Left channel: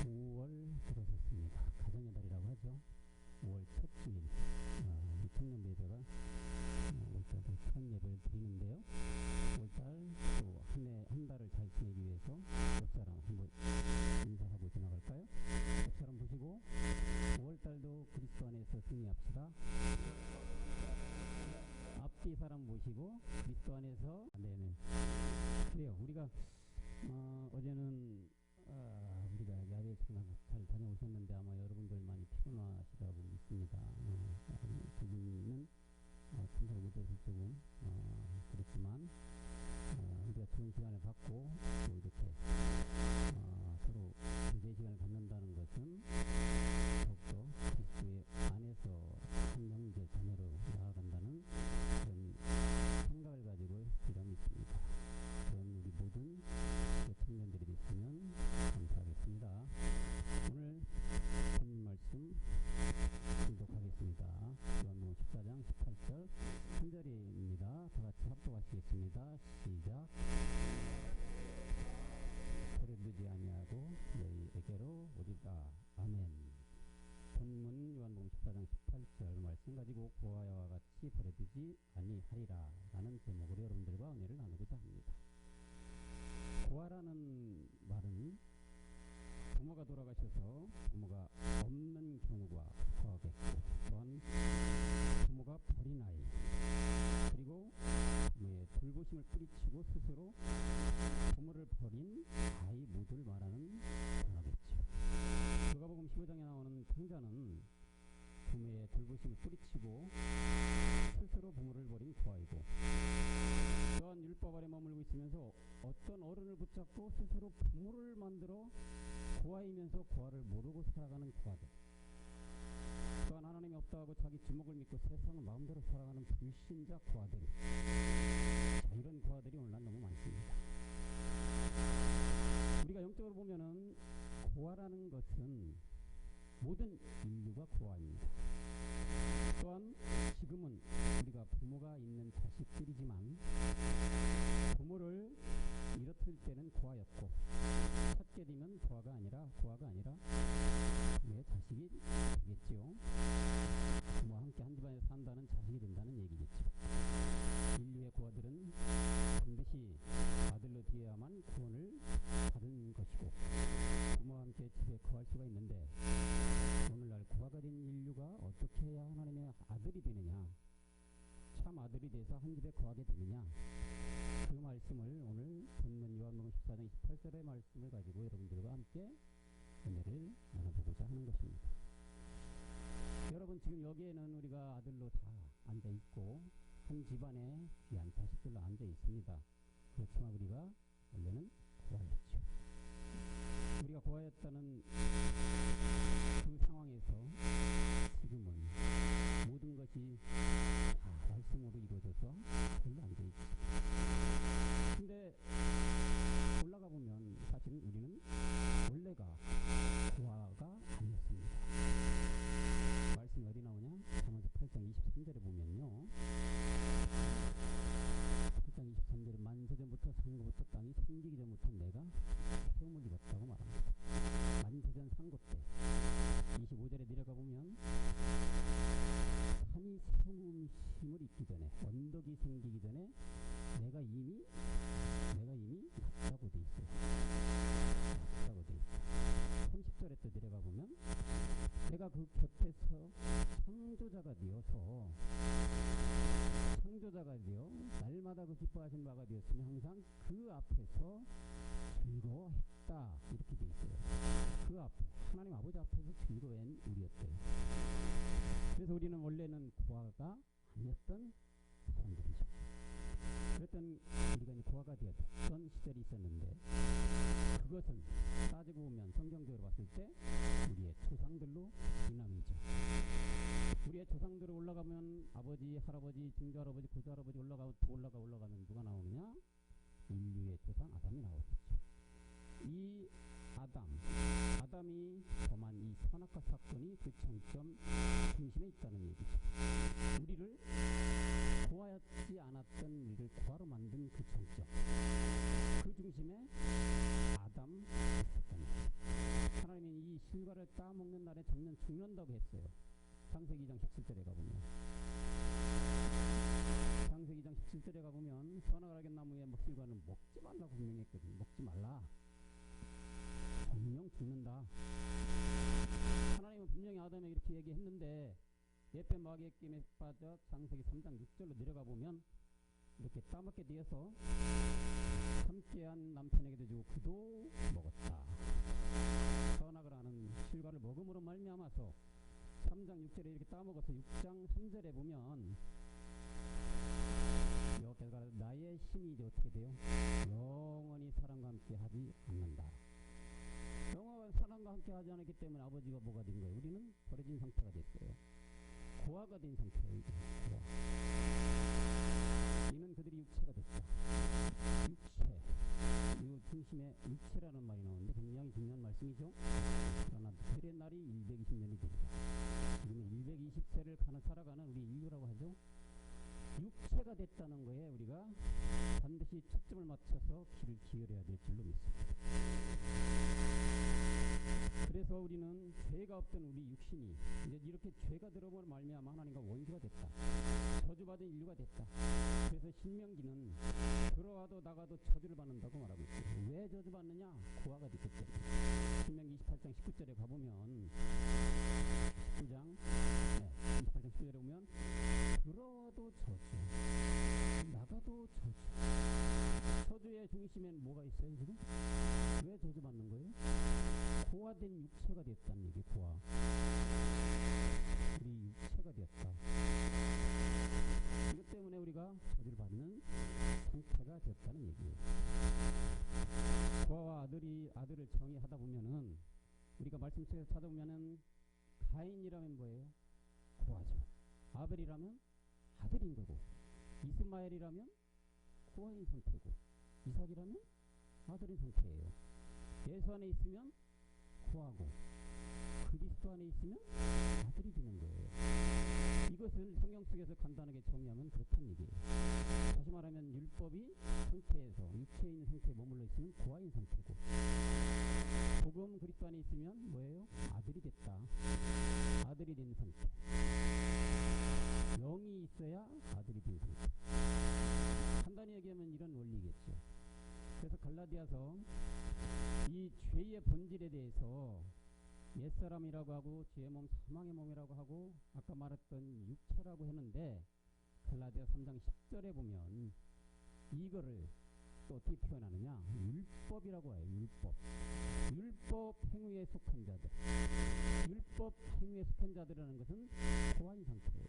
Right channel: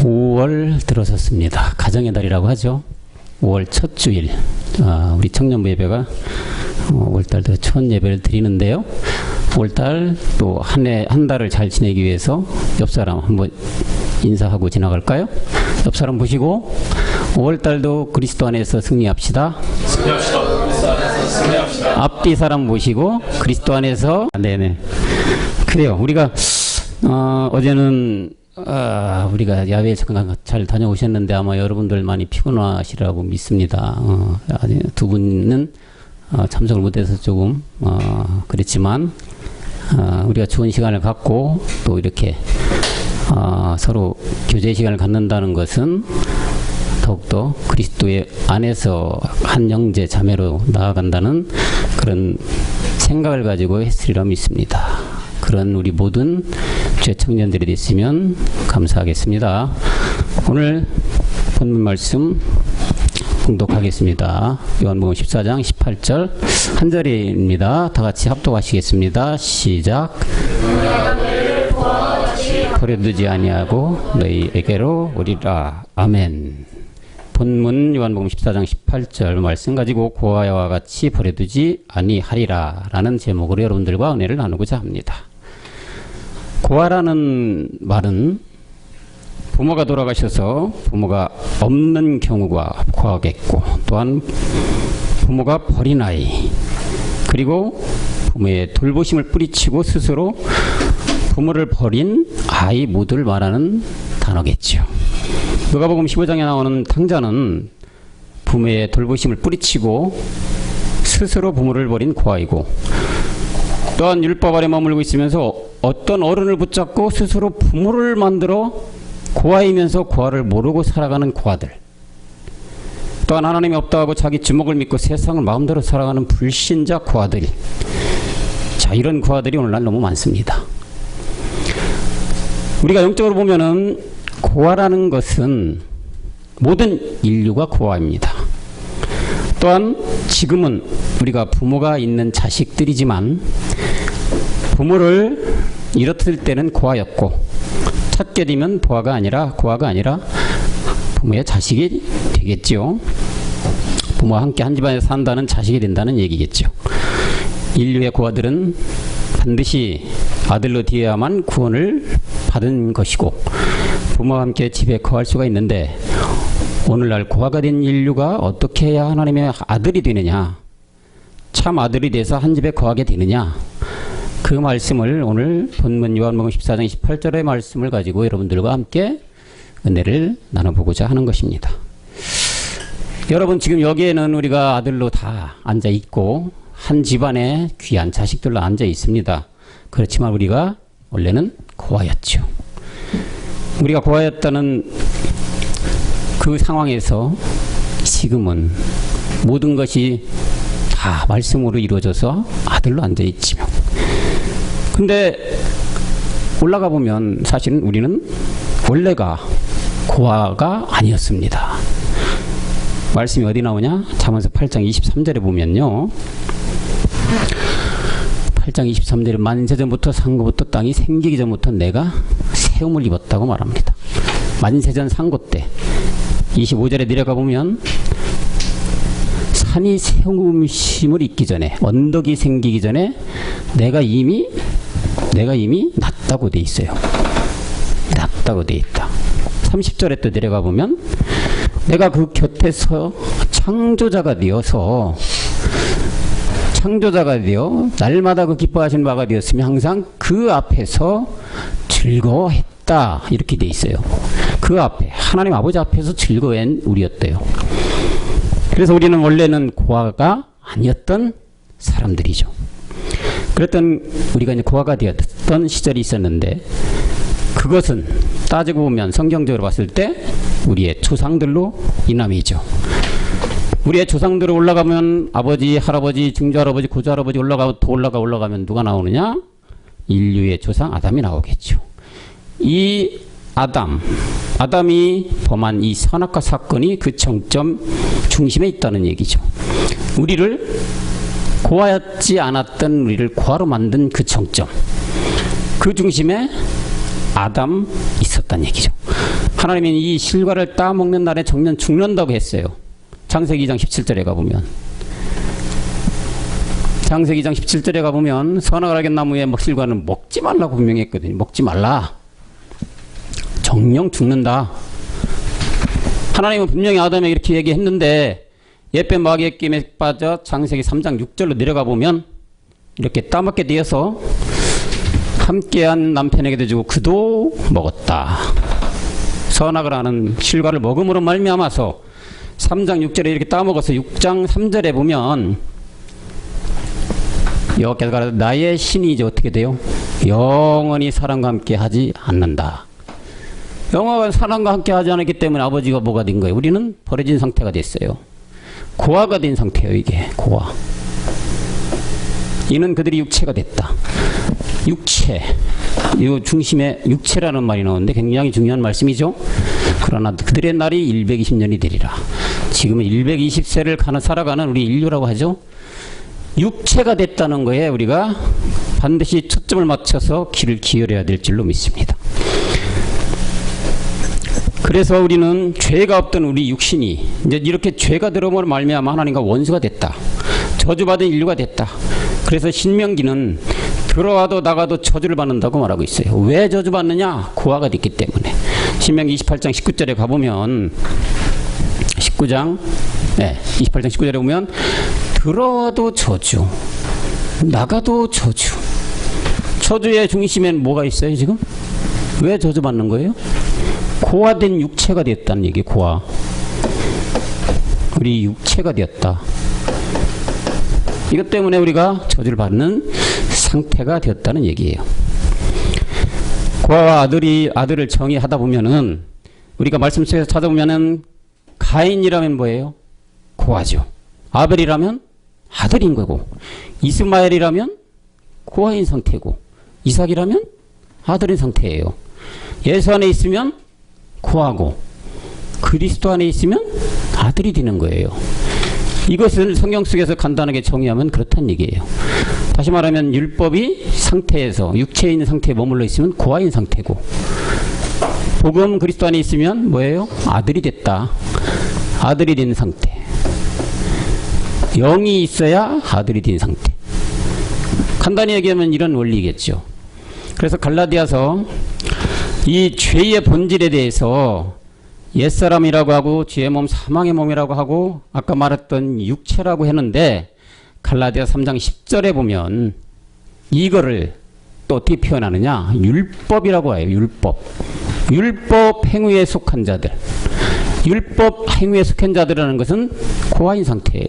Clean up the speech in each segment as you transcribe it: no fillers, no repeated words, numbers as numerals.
5월 들어섰습니다. 가정의 달이라고 하죠. 5월 첫 주일, 우리 청년부 예배가 5월달 첫 예배를 드리는데요. 5월달 또 한 달을 잘 지내기 위해서 옆 사람 한번 인사하고 지나갈까요? 옆 사람 보시고 5월달도 그리스도 안에서 승리합시다. 앞뒤 사람 보시고 그리스도 안에서 네네. 그래요. 우리가 어제는 우리가 야외에 잠깐 잘 다녀오셨는데 아마 여러분들 많이 피곤하시라고 믿습니다. 두 분은 참석을 못해서 조금 그랬지만 우리가 좋은 시간을 갖고 또 이렇게 서로 교제 시간을 갖는다는 것은 더욱더 그리스도의 안에서 한 형제 자매로 나아간다는 그런 생각을 가지고 했으리라 믿습니다. 그런 우리 모든 죄청년들이 됐으면 감사하겠습니다. 오늘 본문 말씀 봉독하겠습니다. 요한복음 14장 18절 한 절입니다. 다 같이 합독하시겠습니다. 시작. 버려두지 아니하고 너희에게로 오리라. 아멘. 본문 요한복음 14장 18절 말씀 가지고 고아와 같이 버려두지 아니하리라 라는 제목으로 여러분들과 은혜를 나누고자 합니다. 고아라는 말은 부모가 돌아가셔서 부모가 없는 경우가 고아겠고, 또한 부모가 버린 아이, 그리고 부모의 돌보심을 뿌리치고 스스로 부모를 버린 아이 모두를 말하는 단어겠죠. 누가복음 15장에 나오는 탕자는 부모의 돌보심을 뿌리치고 스스로 부모를 버린 고아이고, 또한 율법 아래 머물고 있으면서 어떤 어른을 붙잡고 스스로 부모를 만들어 고아이면서 고아를 모르고 살아가는 고아들, 또한 하나님이 없다 하고 자기 주먹을 믿고 세상을 마음대로 살아가는 불신자 고아들, 자, 이런 고아들이 오늘날 너무 많습니다. 우리가 영적으로 보면은 고아라는 것은 모든 인류가 고아입니다. 또한 지금은 우리가 부모가 있는 자식들이지만 부모를 잃었을 때는 고아였고, 찾게 되면 고아가 아니라 부모의 자식이 되겠죠. 부모와 함께 한 집안에서 산다는 자식이 된다는 얘기겠죠. 인류의 고아들은 반드시 아들로 되어야만 구원을 받은 것이고, 부모와 함께 집에 거할 수가 있는데, 오늘날 고아가 된 인류가 어떻게 해야 하나님의 아들이 되느냐, 참 아들이 돼서 한 집에 거하게 되느냐, 그 말씀을 오늘 본문 요한복음 14장 28절의 말씀을 가지고 여러분들과 함께 은혜를 나눠보고자 하는 것입니다. 여러분, 지금 여기에는 우리가 아들로 다 앉아 있고 한 집안에 귀한 자식들로 앉아 있습니다. 그렇지만 우리가 원래는 고아였죠. 우리가 고아였다는 그 상황에서 지금은 모든 것이 다 말씀으로 이루어져서 아들로 앉아 있지요. 근데 올라가 보면 사실은 우리는 원래가 고아가 아니었습니다. 말씀이 어디 나오냐? 잠언서 8장 23절에 보면요, 8장 23절에 만세전부터 상고부터 땅이 생기기 전부터 내가 세움을 입었다고 말합니다. 만세전 상고 때 25절에 내려가 보면 산이 세움심을 입기 전에, 언덕이 생기기 전에 내가 이미 났다고 돼 있어요. 났다고 돼 있다. 30절에 또 내려가 보면 내가 그 곁에서 창조자가 되어 날마다 그 기뻐하시는 바가 되었으며 항상 그 앞에서 즐거워했다, 이렇게 돼 있어요. 그 앞에 하나님 아버지 앞에서 즐거워한 우리였대요. 그래서 우리는 원래는 고아가 아니었던 사람들이죠. 그랬던 우리가 이제 고아가 되었던 시절이 있었는데, 그것은 따지고 보면 성경적으로 봤을 때 우리의 조상들로 인함이죠. 우리의 조상들로 올라가면 아버지, 할아버지, 증조할아버지, 고조할아버지 올라가면 누가 나오느냐? 인류의 조상 아담이 나오겠죠. 이 아담이 범한 이 선악과 사건이 그 정점 중심에 있다는 얘기죠. 우리를 고아였지 않았던 우리를 고아로 만든 그 정점, 그 중심에 아담 있었단 얘기죠. 하나님은 이 실과를 따먹는 날에 정년 죽는다고 했어요. 창세기 2장 17절에 가보면, 창세기 2장 17절에 가보면 선악을 알게 나무의 실과는 먹지 말라고 분명히 했거든요. 먹지 말라. 정령 죽는다. 하나님은 분명히 아담에게 이렇게 얘기했는데 옛배 마귀의 게임에 빠져 창세기 3장 6절로 내려가 보면 이렇게 따먹게 되어서 함께한 남편에게도 주고 그도 먹었다. 선악을 아는 실과를 먹음으로 말미암아서 3장 6절에 이렇게 따먹어서 6장 3절에 보면 여호와께서 가라사대 나의 신이 이제 어떻게 돼요? 영원히 사람과 함께 하지 않는다. 영원히 사람과 함께 하지 않았기 때문에 아버지가 뭐가 된 거예요? 우리는 버려진 상태가 됐어요. 고아가 된 상태예요. 이게 고아. 이는 그들이 육체가 됐다. 육체, 이 중심에 육체라는 말이 나오는데 굉장히 중요한 말씀이죠. 그러나 그들의 날이 120년이 되리라. 지금은 120세를 살아가는 우리 인류라고 하죠. 육체가 됐다는 거에 우리가 반드시 초점을 맞춰서 귀를 기울여야 될 줄로 믿습니다. 그래서 우리는 죄가 없던 우리 육신이 이제 이렇게 죄가 들어오므로 말미암아 하나님과 원수가 됐다. 저주받은 인류가 됐다. 그래서 신명기는 들어와도 나가도 저주를 받는다고 말하고 있어요. 왜 저주받느냐? 고아가 됐기 때문에. 신명기 28장 19절에 가보면 28장 19절에 보면 들어와도 저주, 나가도 저주. 저주의 중심엔 뭐가 있어요 지금? 왜 저주받는 거예요? 고아된 육체가 됐다는 얘기. 고아. 우리 육체가 되었다. 이것 때문에 우리가 저주를 받는 상태가 되었다는 얘기예요. 고아와 아들을 정의하다 보면은 우리가 말씀 속에서 찾아보면은 가인이라면 뭐예요? 고아죠. 아벨이라면 아들인 거고, 이스마엘이라면 고아인 상태고, 이삭이라면 아들인 상태예요. 예수 안에 있으면 고아고, 그리스도 안에 있으면 아들이 되는 거예요. 이것을 성경 속에서 간단하게 정의하면 그렇다는 얘기예요. 다시 말하면 율법이 상태에서 육체에 있는 상태에 머물러 있으면 고아인 상태고, 복음 그리스도 안에 있으면 뭐예요? 아들이 됐다. 아들이 된 상태. 영이 있어야 아들이 된 상태. 간단히 얘기하면 이런 원리겠죠. 그래서 갈라디아서 이 죄의 본질에 대해서 옛사람이라고 하고 죄의 몸 사망의 몸이라고 하고 아까 말했던 육체라고 했는데 갈라디아 3장 10절에 보면 이거를 또 어떻게 표현하느냐? 율법이라고 해요. 율법 행위에 속한 자들. 율법 행위에 속한 자들이라는 것은 고아인 상태예요.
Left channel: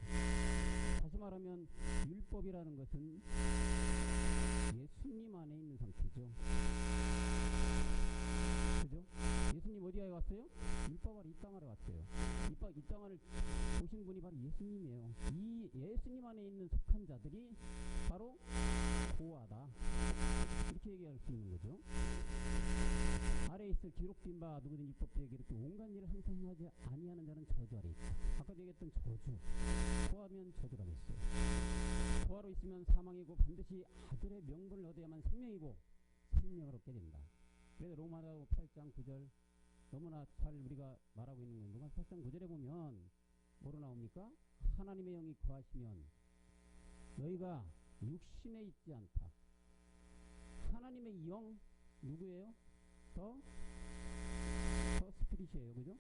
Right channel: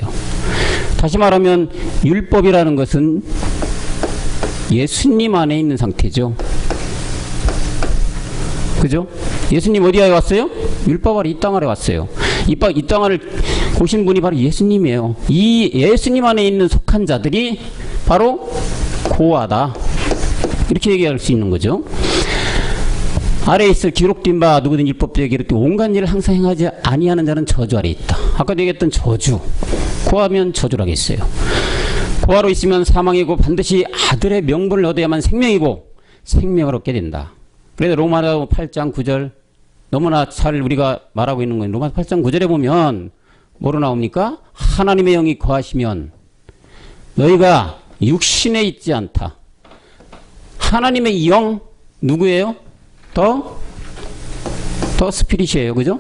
다시 말하면 율법이라는 것은 예수님 안에 있는 상태죠. 그죠? 예수님 어디에 왔어요? 율법 아래 이 땅 아래 왔어요. 이 땅 아래 오신 분이 바로 예수님이에요. 이 예수님 안에 있는 속한 자들이 바로 고아다. 이렇게 얘기할 수 있는 거죠. 아래에 있을 기록된 바 누구든 율법대에 기록된 온갖 일을 항상 행하지 아니하는 자는 저주 아래 있다. 아까도 얘기했던 저주. 고아면 저주라겠어요. 고아로 있으면 사망이고 반드시 아들의 명분을 얻어야만 생명이고 생명을 얻게 된다. 그래서 로마서 8장 9절 너무나 잘 우리가 말하고 있는 거예요. 로마서 8장 9절에 보면 뭐로 나옵니까? 하나님의 영이 거하시면 너희가 육신에 있지 않다. 하나님의 영 누구예요? 더 스피릿이에요. 그죠?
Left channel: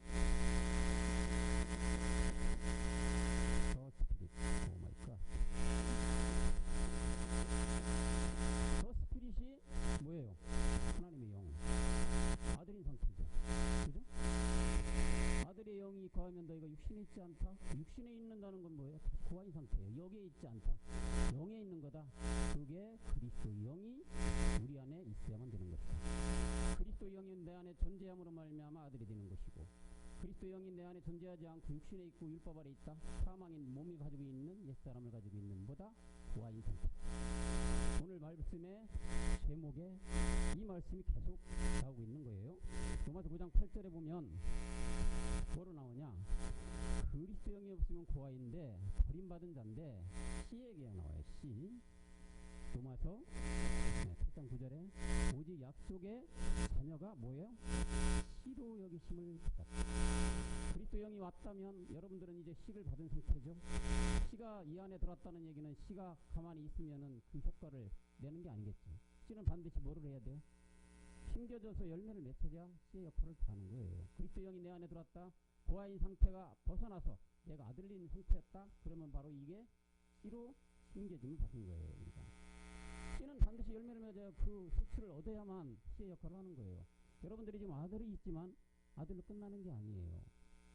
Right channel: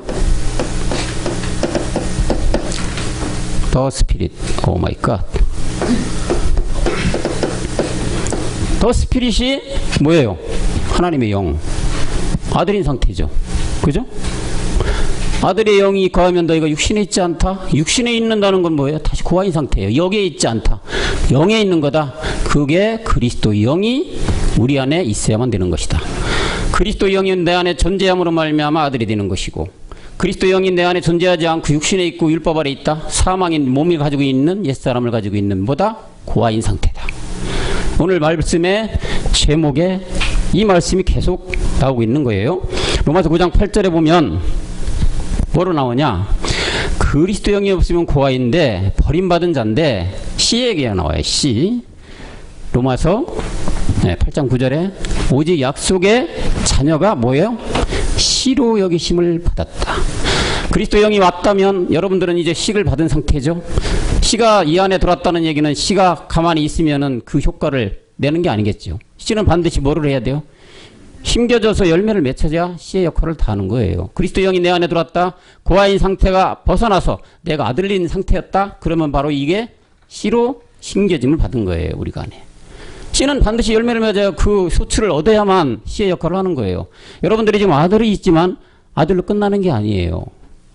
더 스피릿. 오 마이 갓. 더 스피릿이 뭐예요? 하나님의 영. 아들인 상태죠. 그죠? 아들의 영이 거하면 너희가 육신에 있지 않다. 육신에 있는다는 건 뭐예요? 다시 고아인 상태예요. 영에 있지 않다. 영에 있는 거다. 그게 그리스도 영이 우리 안에 있어야만 되는 것이다. 그리스도 영이 내 안에 존재함으로 말미암아 아들이 되는 것이고, 그리스도 영이 내 안에 존재하지 않고 육신에 있고 율법 아래 있다. 사망인 몸을 가지고 있는 옛사람을 가지고 있는 뭐다? 고아인 상태다. 오늘 말씀의 제목에 이 말씀이 계속 나오고 있는 거예요. 로마서 9장 8절에 보면 뭐로 나오냐? 그리스도 영이 없으면 고아인데 버림받은 자인데 씨 얘기가 나와요. 씨. 로마서 8장 9절에 오직 약속의 자녀가 뭐예요? 씨로 여기심을 받았다. 그리스도 영이 왔다면 여러분들은 이제 씨를 받은 상태죠. 씨가 이 안에 들어왔다는 얘기는 씨가 가만히 있으면은 그 효과를 내는 게 아니겠죠. 씨는 반드시 뭐를 해야 돼요? 심겨져서 열매를 맺혀야 씨의 역할을 다하는 거예요. 그리스도 영이 내 안에 들어왔다. 고아인 상태가 벗어나서 내가 아들인 상태였다. 그러면 바로 이게 씨로 심겨짐을 받은 거예요. 우리가 안에. 씨는 반드시 열매를 맺어야 그 소출을 얻어야만 씨의 역할을 하는 거예요. 여러분들이 지금 아들이 있지만 아들로 끝나는 게 아니에요.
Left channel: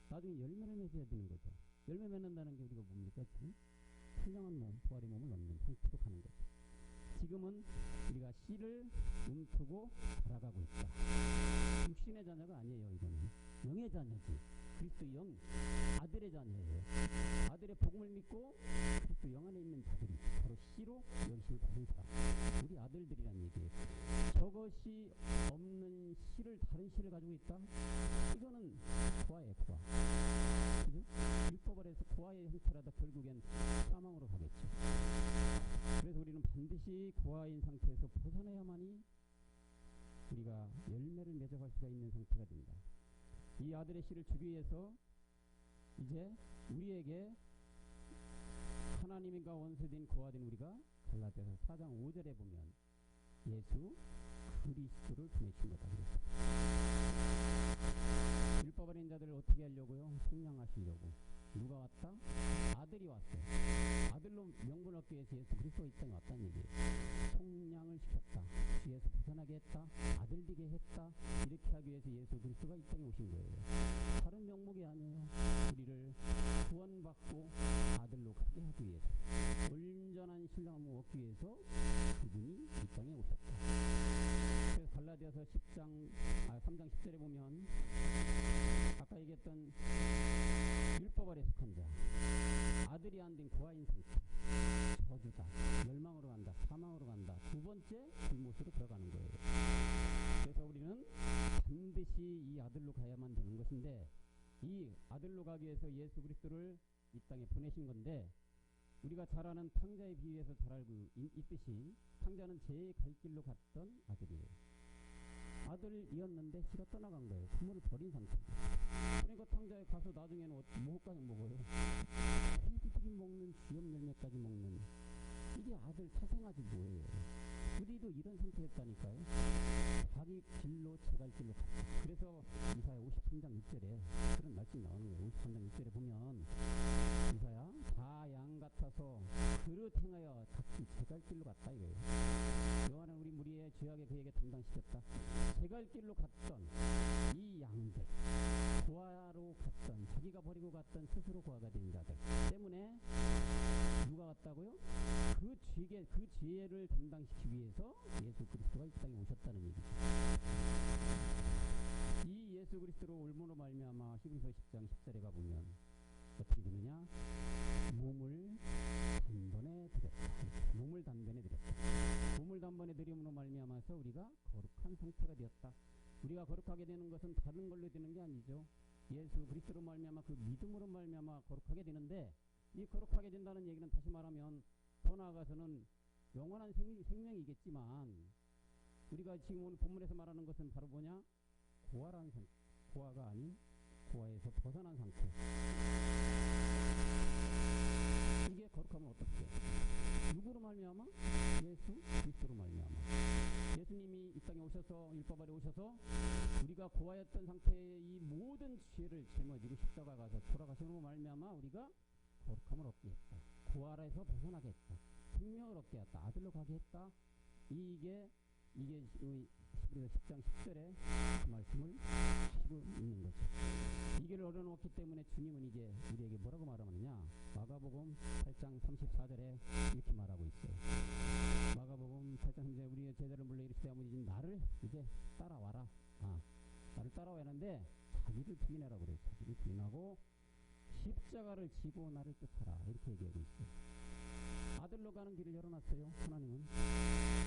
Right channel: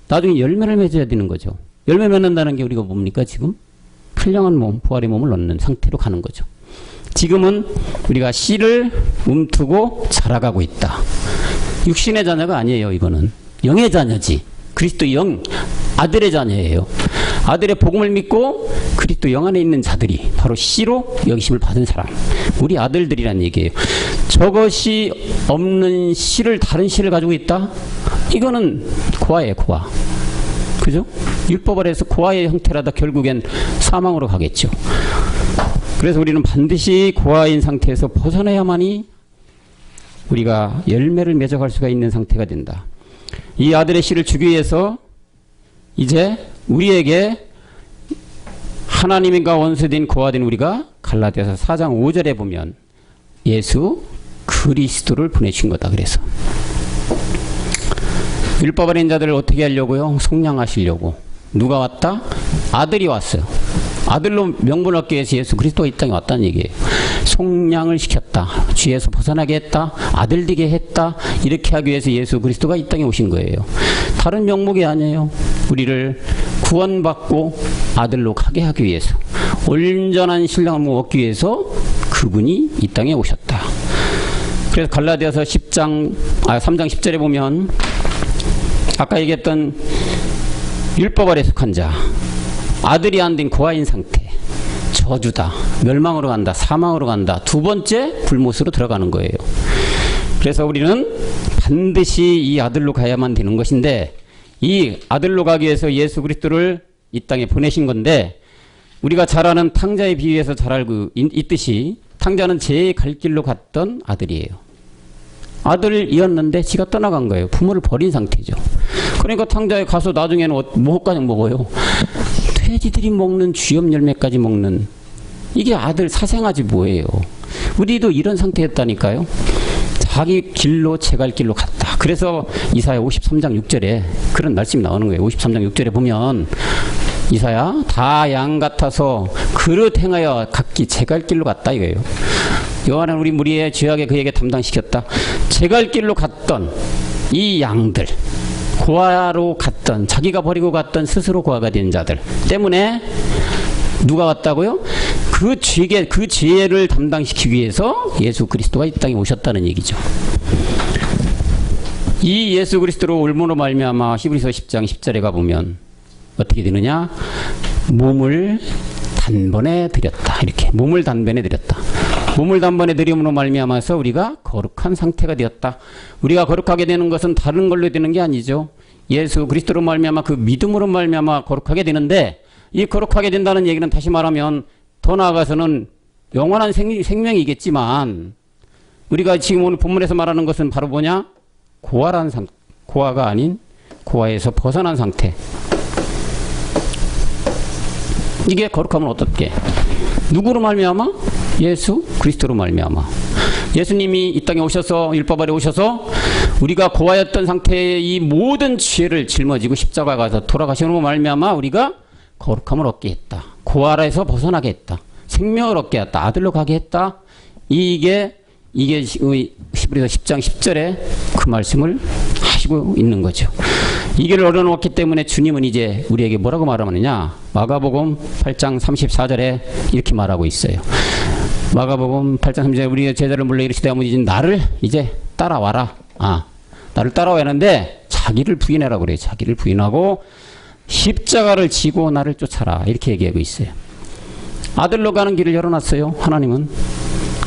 나중에 열매를 맺어야 되는 거죠. 열매 맺는다는 게 우리가 뭡니까 지금? 풀량한 몸, 부활의 몸을 얻는 상태로 가는 거죠. 지금은 우리가 씨를 움트고 자라가고 있다. 육신의 자녀가 아니에요. 이거는 영의 자녀지. 그리스도 영, 아들의 자녀예요. 아들의 복음을 믿고 그리스도 영 안에 있는 자들이 바로 씨로 여기심을 받은 사람, 우리 아들들이란 얘기예요. 저것이 없는 씨를, 다른 씨를 가지고 있다? 이거는 고아예요. 고아. 그죠? 율법 아래에서 고아의 형태라다 결국엔 사망으로 가겠죠. 그래서 우리는 반드시 고아인 상태에서 벗어나야만이 우리가 열매를 맺어갈 수가 있는 상태가 된다. 이 아들의 씨를 주기 위해서 이제 우리에게 하나님과 원수된 고아된 우리가 갈라디아서 4장 5절에 보면 예수 그리스도를 보내신 거다. 그래서 율법 아래 자들을 어떻게 하려고요? 속량하시려고. 누가 왔다? 아들이 왔어요. 아들로 명분을 얻기 위해서 예수 그리스도가 이 땅에 왔다는 얘기예요. 속량을 시켰다. 죄에서 벗어나게 했다. 아들 되게 했다. 이렇게 하기 위해서 예수 그리스도가 이 땅에 오신 거예요. 다른 명목이 아니에요. 우리를 구원받고 아들로 가게 하기 위해서, 온전한 신랑을 얻기 위해서 그분이 이 땅에 오셨다. 그래서 갈라디아서 3장 10절에 보면 아까 얘기했던 율법 아래 속한 자, 아들이 안 된 고아인 상태, 저주다, 멸망으로 간다, 사망으로 간다, 두 번째 불못으로 들어가는 거예요. 그래서 우리는 반드시 이 아들로 가야만 되는 것인데, 이 아들로 가기 위해서 예수 그리스도를 이 땅에 보내신 건데, 우리가 잘 아는 탕자에 비유해서 잘 알고 있듯이 탕자는 제 갈 길로 갔던 아들이에요. 아들이었는데 지가 떠나간 거예요. 부모를 버린 상태죠. 그러니까 탕자에 가서 나중에는 뭐까지 먹어요? 돼지들이 먹는 쥐염 열매까지 먹는, 이게 아들 사생아지 뭐예요. 우리도 이런 상태였다니까요. 자기 길로 제 갈 길로 갔다. 그래서 이사야 53장 6절에 그런 말씀이 나오는 거예요. 53장 6절에 보면 이사야 다 양 같아서 그릇 행하여 각기 제 갈 길로 갔다 이거예요. 요한은 우리 무리의 죄악에 그에게 담당시켰다. 제 갈 길로 갔던 이 양들, 고아로 갔던, 자기가 버리고 갔던 스스로 고아가 된 자들 때문에 누가 왔다고요? 그 죄를 담당시키기 위해서 예수 그리스도가 이 땅에 오셨다는 얘기죠. 이 예수 그리스도로 올므로 말미암아 히브리서 10장 10절에 가보면 어떻게 되느냐? 몸을 단번에 드렸다. 이렇게 몸을 단번에 드렸다. 몸을 단번에 드림으로 말미암아서 우리가 거룩한 상태가 되었다. 우리가 거룩하게 되는 것은 다른 걸로 되는 게 아니죠. 예수 그리스도로 말미암아 그 믿음으로 말미암아 거룩하게 되는데, 이 거룩하게 된다는 얘기는 다시 말하면 더 나아가서는 영원한 생명이겠지만, 우리가 지금 오늘 본문에서 말하는 것은 바로 뭐냐? 고아라는 상태, 고아가 아닌 고아에서 벗어난 상태. 이게 거룩하면 어떻게? 누구로 말미암아? 예수 그리스도로 말미암아. 예수님이 이 땅에 오셔서, 율법 아래 오셔서 우리가 고아였던 상태의 이 모든 죄를 짊어지고 십자가에 가서 돌아가시는 말미암아 우리가 거룩함을 얻게 했다. 고아라에서 벗어나게 했다. 생명을 얻게 했다. 아들로 가게 했다. 이게 히브리서 10장 10절에 그 말씀을 하시고 있는 거죠. 이 길을 얻어놓았기 때문에 주님은 이제 우리에게 뭐라고 말하느냐? 마가복음 8장 34절에 이렇게 말하고 있어요. 마가복음 8장 34절에 우리 제자를 물러 이르시되 아버지 나를 이제 따라와라. 나를 따라와야 하는데 자기를 부인하라고 그래요. 자기를 부인하고 십자가를 지고 나를 쫓아라. 이렇게 얘기하고 있어요. 아들로 가는 길을 열어놨어요. 하나님은.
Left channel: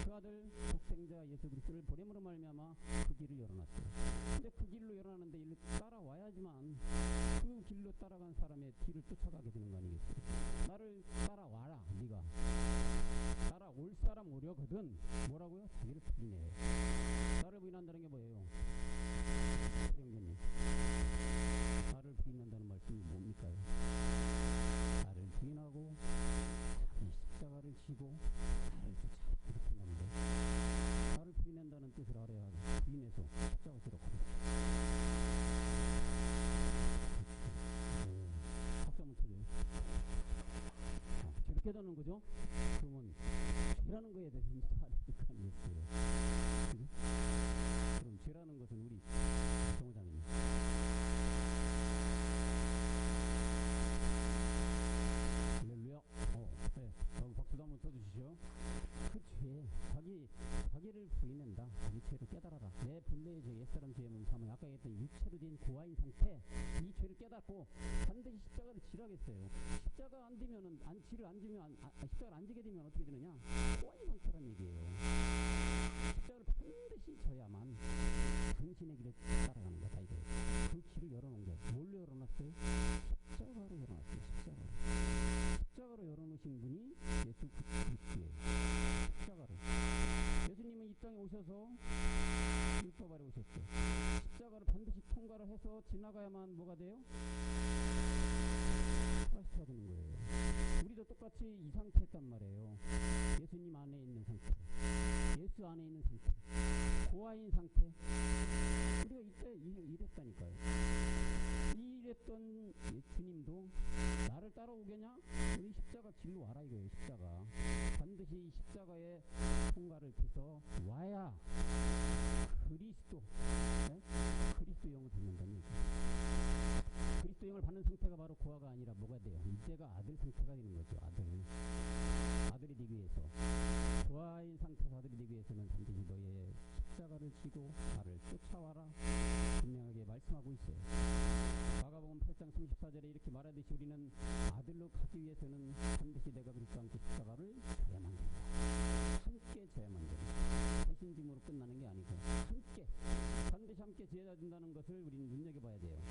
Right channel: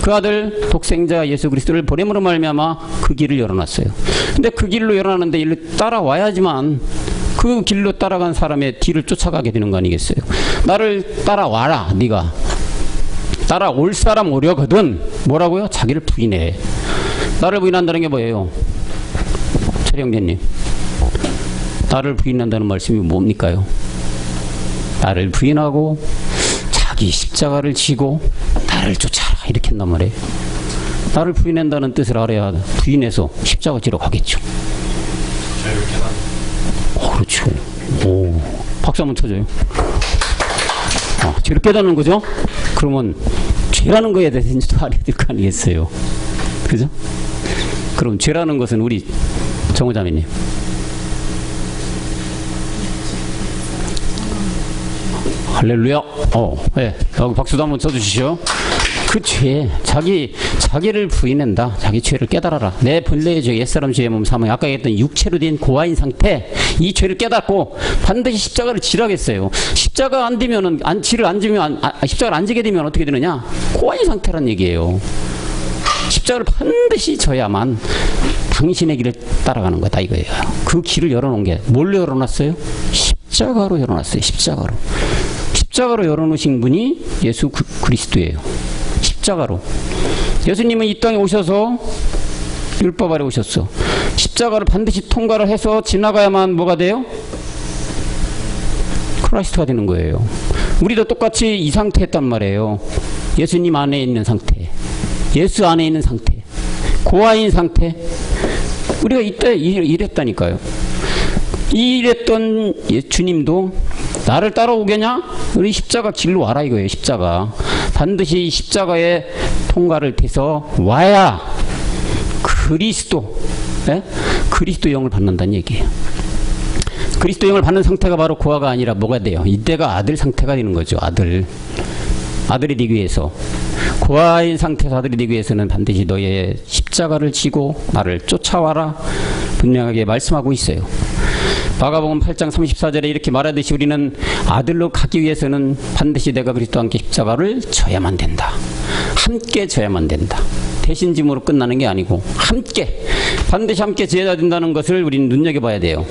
그 아들 독생자 예수 그리스도를 보냄으로 말미암아 그 길을 열어놨어요. 근데 그 길로 열어놨는데 일로 따라와야지만 그 길로 따라간 사람의 뒤를 쫓아가게 되는 거 아니겠어요? 나를 따라와라. 네가 따라올 사람 오려거든 뭐라고요? 자기를 부인해. 나를 부인한다는 게 뭐예요? 최영재님, 나를 부인한다는 말씀이 뭡니까요? 나를 부인하고 자기 십자가를 지고 나를 쫓아라 이렇게 한단 말이에요. 나를 부인한다는 뜻을 알아야 부인해서 십자가 지러 가겠죠. 그렇죠. 오, 박수 한번 쳐줘요. 죄를 깨닫는 거죠? 그러면 죄라는 거에 대해서 이제 또 알아야 될 거 아니겠어요? 그죠? 그럼 죄라는 것은 우리 정호자매님. 할렐루야. 네. 박수도 한번 쳐주시죠. 그 죄, 자기를 부인한다. 자기 죄를 깨달아라. 내 본래의 죄, 옛사람 죄의 몸 삼아. 아까 얘기했던 육체로 된 고아인 상태, 이 죄를 깨닫고 반드시 십자가를 지라겠어요. 십자가 안 되면은, 십자가를 안 지게 되면 어떻게 되느냐? 고아인 상태란 얘기예요. 십자가를 반드시 져야만 당신의 길을 따라가는 거다 이거예요. 그 길을 열어놓은 게 뭘로 열어놨어요? 십자가로 열어놨어요. 십자가로 열어놓으신 분이 예수 그리스도예요. 십자가로. 예수님은 이 땅에 오셔서 율법 아래 오셨어. 십자가를 반드시 통과를 해서 지나가야만 뭐가 돼요? 크라이스트가 되는 거예요. 우리도 똑같이 이 상태였단 말이에요. 예수님 안에 있는 상태, 예수 안에 있는 상태, 고아인 상태. 우리가 이때 이랬다니까요. 이랬던 주님도 나를 따라오겠냐? 우리 십자가 길로 와라 이거예요. 십자가 반드시 십자가의 통과를 해서 와야 그리스도 영을 받는다는 얘기예요. 그리스도 영을 받는 상태가 바로 고아가 아니라 뭐가 돼요? 이때가 아들 상태가 되는 거죠. 아들이 되기 위해서, 고아인 상태에서 아들이 되기 위해서는 반드시 너의 십자가를 지고 나를 쫓아와라 분명하게 말씀하고 있어요. 마가복음 8장 34절에 이렇게 말하듯이 우리는 아들로 가기 위해서는 반드시 내가 그리스도와 함께 십자가를 져야만 된다. 함께 져야만 된다. 대신 짐으로 끝나는 게 아니고 반드시 함께 져야 된다는 것을 우리는 눈여겨봐야 돼요.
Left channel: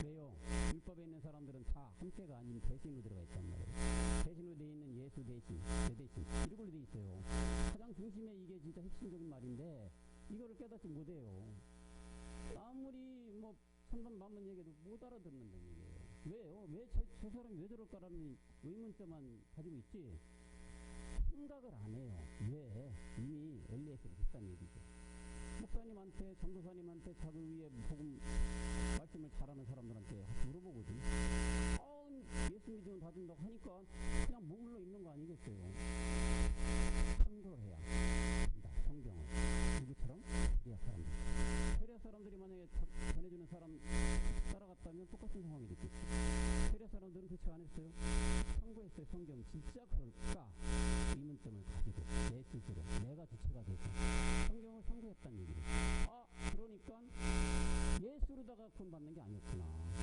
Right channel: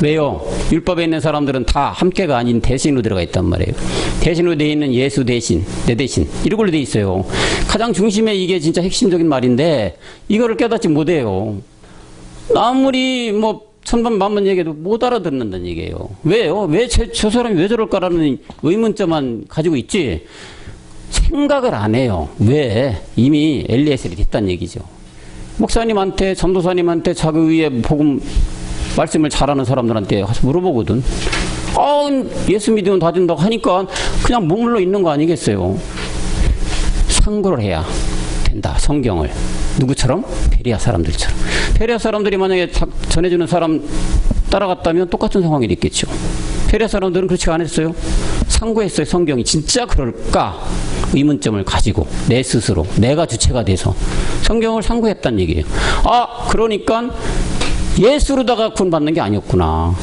왜요? 율법에 있는 사람들은 다 함께가 아닌 대신으로 들어가 있단 말이에요. 대신으로 되어 있는 예수 대신, 내 대신 이런 걸로 되어 있어요. 가장 중심에 이게 진짜 핵심적인 말인데 이거를 깨닫지 못해요. 아무리 뭐 천번 만번 얘기해도 못 알아듣는다는 얘기예요. 왜요? 저 사람이 왜 저럴까라는 의문점만 가지고 있지 생각을 안 해요. 왜? 이미 엘리에셀이 됐다는 얘기죠. 목사님한테, 전도사님한테 자기 위에 복음 말씀을 잘하는 사람들한테 가서 물어보거든. 예수 믿으면 다 된다고 하니까 그냥 머물러 있는 거 아니겠어요? 상고를 해야 된다. 성경을. 누구처럼? 베레아 사람들처럼. 베레아 사람들이 만약에 전해주는 사람 따라갔다면 똑같은 상황이 됐겠죠. 베레아 사람들은 그렇지 않았어요. 상고했어요. 성경이 진짜 그럴까? 의문점을 가지고 내 스스로 내가 주체가 돼서 성경을 상고했다는 얘기예요. 그러니까 예수로다가 구원받는 게 아니었구나.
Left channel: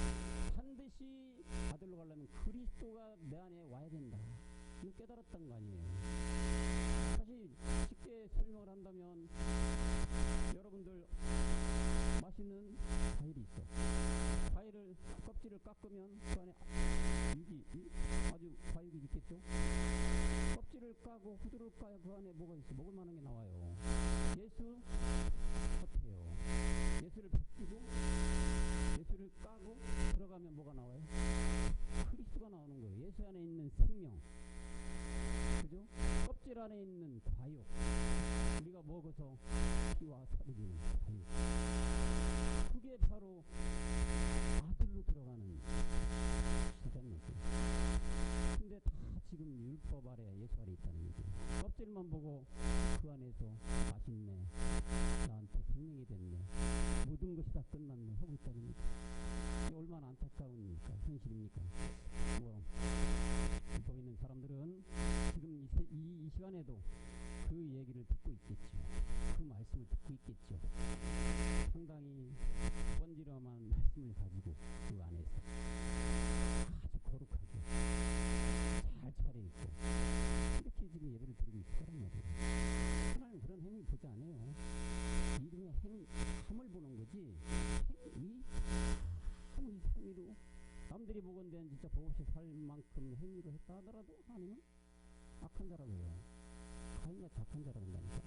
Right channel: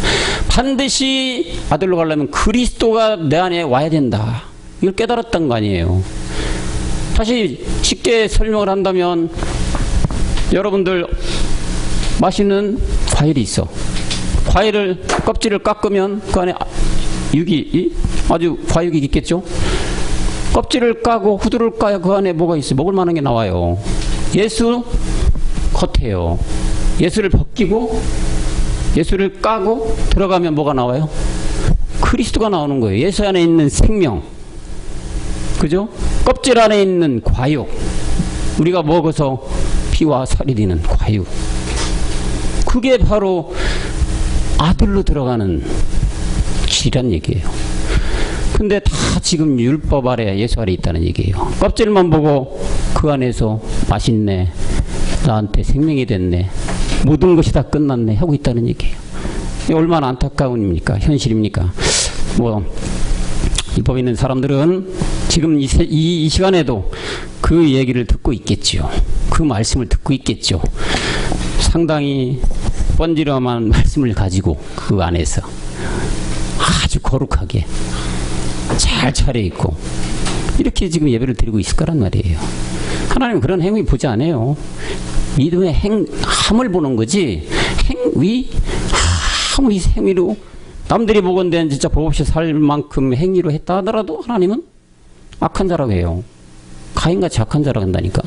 반드시 아들로 가려면 그리스도가 내 안에 와야 된다. 이걸 깨달았던 거 아니에요. 다시 쉽게 설명을 한다면 여러분들 맛있는 과일이 있어. 과일을 껍질을 깎으면 그 안에 아주 과육이 있겠죠. 껍질을 까고 후두를 까야 그 안에 뭐가 있어요? 먹을 만한 게 나와요. 예수 겉에요. 예수를 벗기고 예수를 까고 들어가면 뭐가 나와요? 그리스도가 나오는 거예요. 예수 안에 있는 생명, 그죠? 껍질 안에 있는 과육, 우리가 먹어서 피와 살이 되는 과육, 그게 바로 아들로 들어가는 길이란 얘기예요. 근데 다 지금 율법 아래, 예수 아래 있다는 얘기예요. 껍질만 보고 그 안에서 맛있네, 나한테 생명이 됐네, 모든 것이 다 끝났네 하고 있다는 얘기예요. 얼마나 안타까운 일입니까? 현실입니까? 율법에 있는 사람들은 지금 이 시간에도 그 얘기를 듣고 있겠지요. 그 말씀을 듣고 있겠죠. 상당히 번지름한 말씀을 가지고 그 안에서 아주 거룩하게 잘 차려입고 이렇게 지금 예배를 드리고 있을 거란 말이에요. 하나님은 그런 행위 보지 않아요. 믿음의 함을 보는 거지, 아무리 행위로 남들이 보건대는 진짜 법 없이 살 만큼 행위로 했다 하더라도 하나님은 악한 자라고 해요. 가인같이 악한 자라고 한다니까.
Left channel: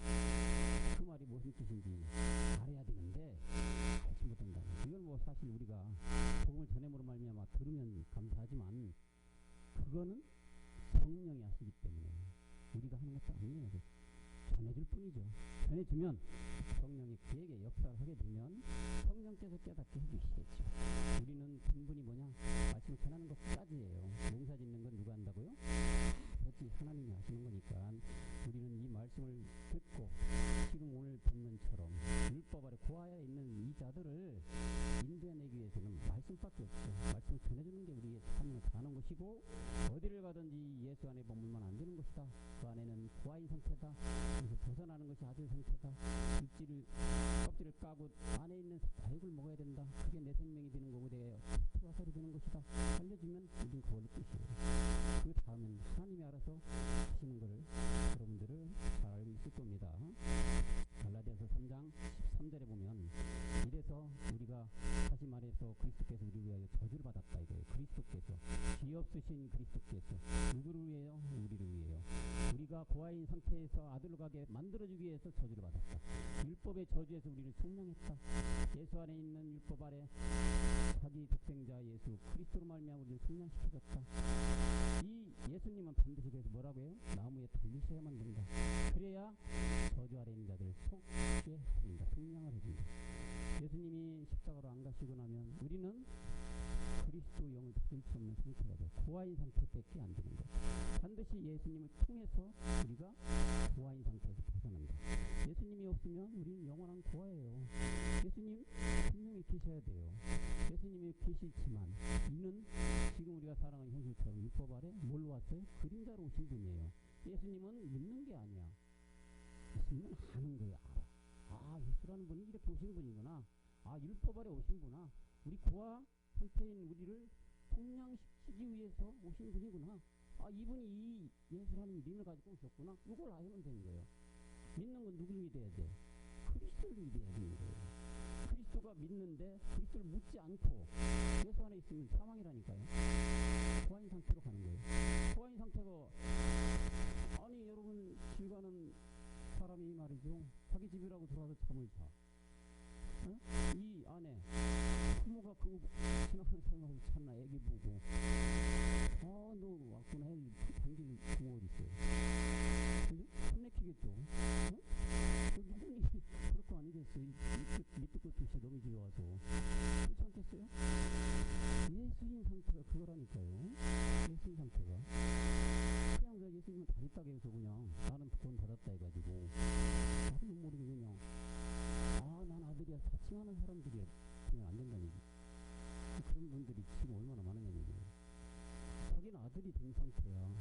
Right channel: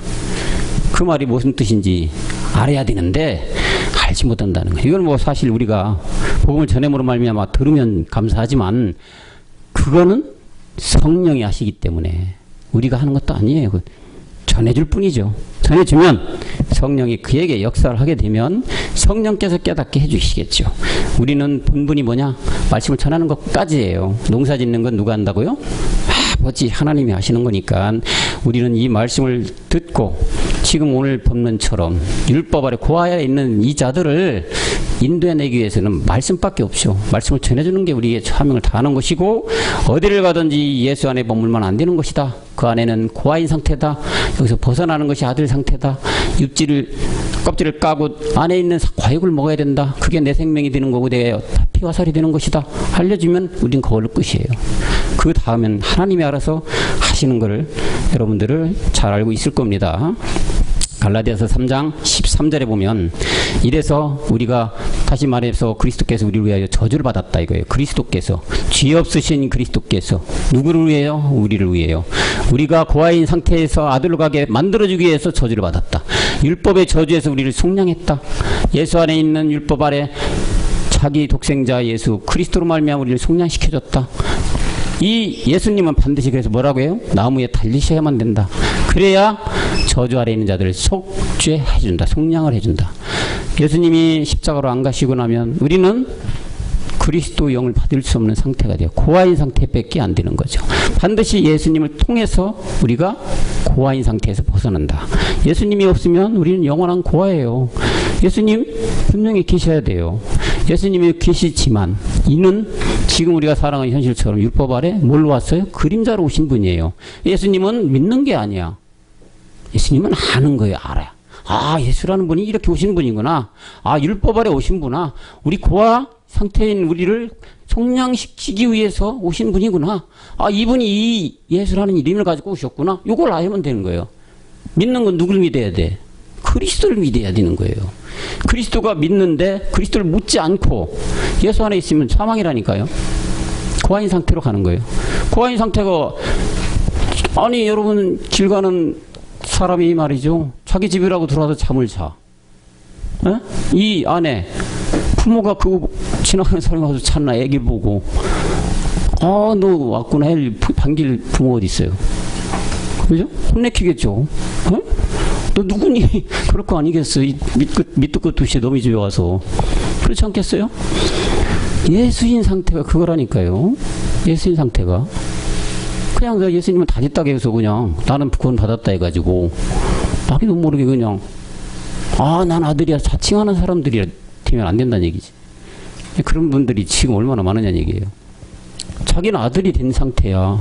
그 말이 무슨 뜻인지 알아야 되는데 알지 못한다는 거예요. 이건 뭐 사실 우리가 복음을 전함으로 말미암아 들으면 감사하지만 그거는 성령이 하시기 때문에 우리가 하는 것도 아니에요. 전해줄 뿐이죠. 전해주면 성령이 그에게 역사를 하게 되면 성령께서 깨닫게 해주시겠죠. 우리는 본분이 뭐냐? 말씀을 전하는 것까지예요. 농사 짓는 건 누가 한다고요? 아버지 하나님이 하시는 거니까 우리는 이 말씀을 듣고 지금 오늘 본문처럼 율법 아래 고아에 있는 이 자들을 인도해내기 위해서는 말씀밖에 없죠. 말씀을 전해주는 게 우리의 사명을 다하는 것이고 어디를 가든지 예수 안에 머물면 안 되는 것이다. 그 안에는 고아인 상태다. 여기서 벗어나는 것이 아들 상태다. 껍질을 까고 안에 있는 과육을 먹어야 된다. 그게 내 생명이 되는 거고 내 피와 살이 되는 것이다. 알려주면 우린 그걸로 끝이에요. 그 다음엔 하나님이 알아서 하시는 것을 여러분들을 잘 알고 있을 겁니다. 갈라디아서 3장 13절에 보면 이래서 우리가 다시 말해서 그리스도께서 우리를 위하여 저주를 받았다 이거예요. 그리스도께서 죄 없으신 그리스도께서 누구를 위해요? 우리를 위해요. 우리가 고아인 상태에서 아들로 가게 만들어주기 위해서 저주를 받았다. 율법의 저주에서 우리를 속량했다. 예수 안에 있는 율법 아래 자기 독생자 예수 그리스도로 말미암아 우리를 속량시켜줬다. 이 예수님은 반드시 그래서 뭐라고 해요? 나무에 달리셔야만 된다. 그래야 저주 아래 있는 자들을 속죄해준다. 속량을 해준다. 예수님이 십자가로 안 가시고 나면 우리는 그리스도 영을 받을 수 없는 상태가 돼요. 고아인 상태밖에 안 되는 거죠. 반드시 예수님을 통해서 우리가 고아인 상태에서 벗어난다. 예수님이 없으면 우리는 영원한 고아예요. 예수님 분명히 계셔야 돼요. 예수님이 계시지만 이는 지금 우리가 살아가는 현실처럼 율법 아래 뭘로 왔어요? 그림자로 오신 분이에요. 예수님은 믿는 게 아니야. 예수님은 아는 거예요. 알아요. 아, 예수라는 분이 이렇게 오신 분이구나. 아, 율법 아래 오신 분아. 우리 고아 상태인 우리를 속량시키기 위해서 오신 분이구나. 아, 이분이 이 예수라는 이름을 가지고 오셨구나. 이걸 알면 되는 거예요. 믿는 건 누굴 믿어야 돼? 그리스도를 믿어야 되는 거예요. 그리스도가 믿는데 그리스도를 묻지 않고 예수 안에 있으면 사망이라니까요. 고아인 상태로 가는 거예요. 고아인 상태가 아니 여러분 길 가는 사람이 말이죠. 자기 집이라고 들어와서 잠을 자. 에? 이 안에 부모가 그거 지나가는 사람이 와서 찾나 애기 보고 아 너 왔구나 할 반길 부모 어디 있어요? 그죠? 혼내키겠죠. 어? 너 누구니? 그럴 거 아니겠어. 밑도 끝도 없이 너희 집에 와서. 그렇지 않겠어요? 예수인 상태가 그거라니까요. 예수인 상태가. 그냥 예수님은 다 됐다고 해서 그냥 나는 구원 받았다 해가지고 나도 모르게 그냥 아, 난 아들이야 자칭하는 사람들이 되면 안 된다는 얘기지. 그런 분들이 지금 얼마나 많으냐는 얘기예요. 자기는 아들이 된 상태야.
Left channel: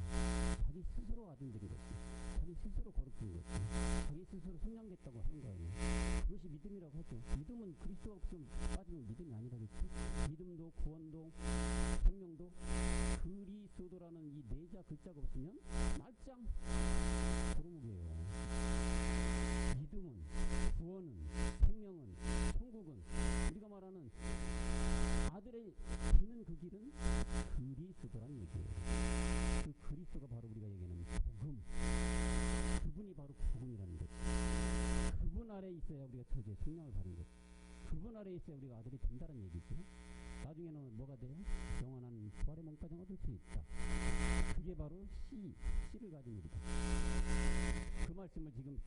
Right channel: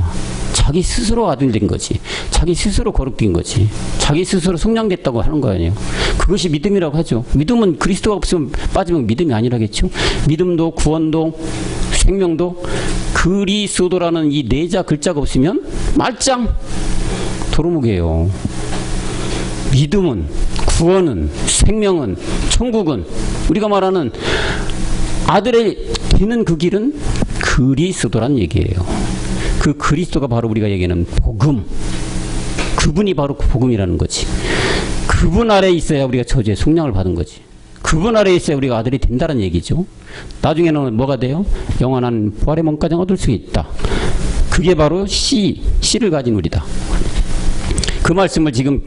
자기 스스로 아들 된 거지. 자기 스스로 거룩된 거지. 자기 스스로 속량됐다고 하는 거 아니에요. 그것이 믿음이라고 하죠. 믿음은 그리스도가 없으면 빠지면 믿음이 아니라겠죠. 믿음도 구원도 생명도 그리스도라는 이 네자 글자가 없으면 말짱 도루묵이에요. 믿음은 구원은 생명은 천국은 우리가 말하는 아들의 되는 그 길은 그리스도란 얘기예요. 그 그리스도가 바로 우리가 얘기하는 복음. 그분이 바로 그 복음이라는 거지. 그분 아래에 있어야 우리가 저주의 속량을 받은 거지. 그분 아래에 있어야 우리가 아들이 된다는 얘기죠. 나중에는 뭐가 돼요? 영원한 부활의 몸까지 얻을 수 있다. 그게 바로 씨를 가진 우리다. 그 말씀을 지금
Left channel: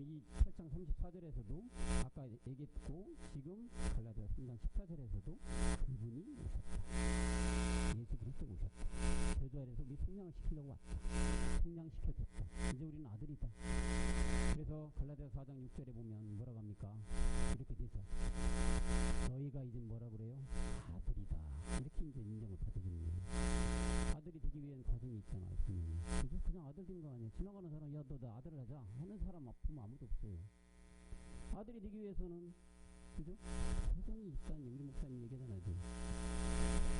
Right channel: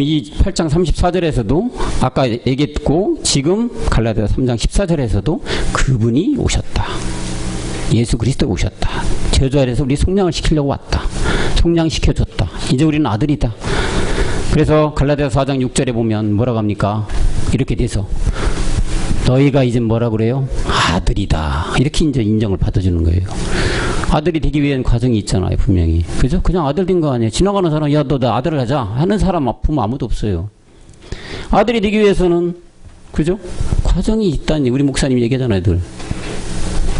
이 8장 34절에서도 아까 얘기했고 지금 갈라디아 3장 14절에서도 그분이 오셨다. 예수 그리스도가 오셨다. 저주 아래에서 우리 속량을 시키려고 왔다. 속량시켜줬다. 이제 우리는 아들이다. 그래서 갈라디아 4장 6절에 보면 뭐라고 합니까? 이렇게 돼서 너희가 이제 뭐라 그래요? 아들이다. 이렇게 이제 인정을 받아주는 거예요. 아들이 되기 위한 과정이 있잖아요, 분명히. 그죠? 그냥 아들 된 거 아니에요. 지나가는 사람, 야, 너 나 아들을 하자. 하는 사람, 부모 아무도 없어요. 아들이 되기 위해서는, 그죠? 과정이 있다니. 우리 목사님이 얘기하잖아요, 늘.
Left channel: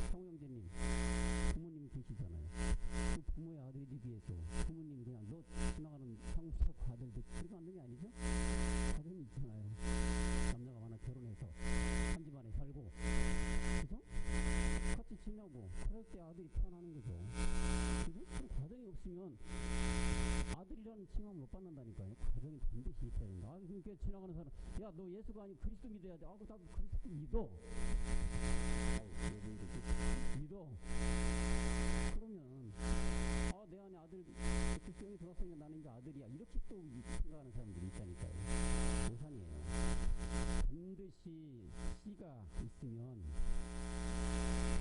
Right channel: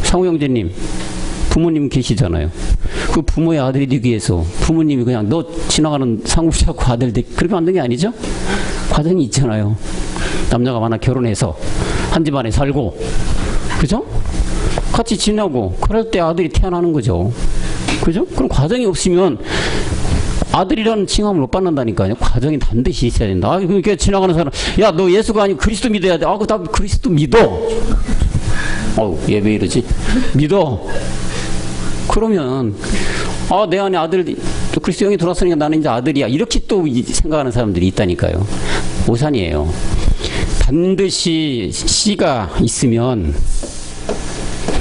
상우 형제님, 부모님 계시잖아요. 그 부모의 아들이 되기 위해서 부모님이 그냥 너 지나가는 상우 자꾸 아들 되 그렇게 만든 게 아니죠? 과정이 있잖아요. 남자가 만나 결혼해서 한 집안에 살고, 그죠? 같이 지내고 그럴 때 아들이 태어나는 거죠. 그죠? 그럼 과정이 없으면 아들이라는 칭함을 못 받는다니까요. 과정이 반드시 있어야 된다. 아, 그러니까 지나가는 사람, 야, 너 예수가 아니고 그리스도 믿어야 돼. 아, 나 그리스도 믿어. 얘 왜 이러지? 믿어. 그러면, 아, 내 안에 아들, 또 그리스도 영이 들어왔으니까 나는 이제 아들이야. 이렇게 또 생각하는 사람들이 있다니까요. 오산이에요. 반드시 씨가 있으면,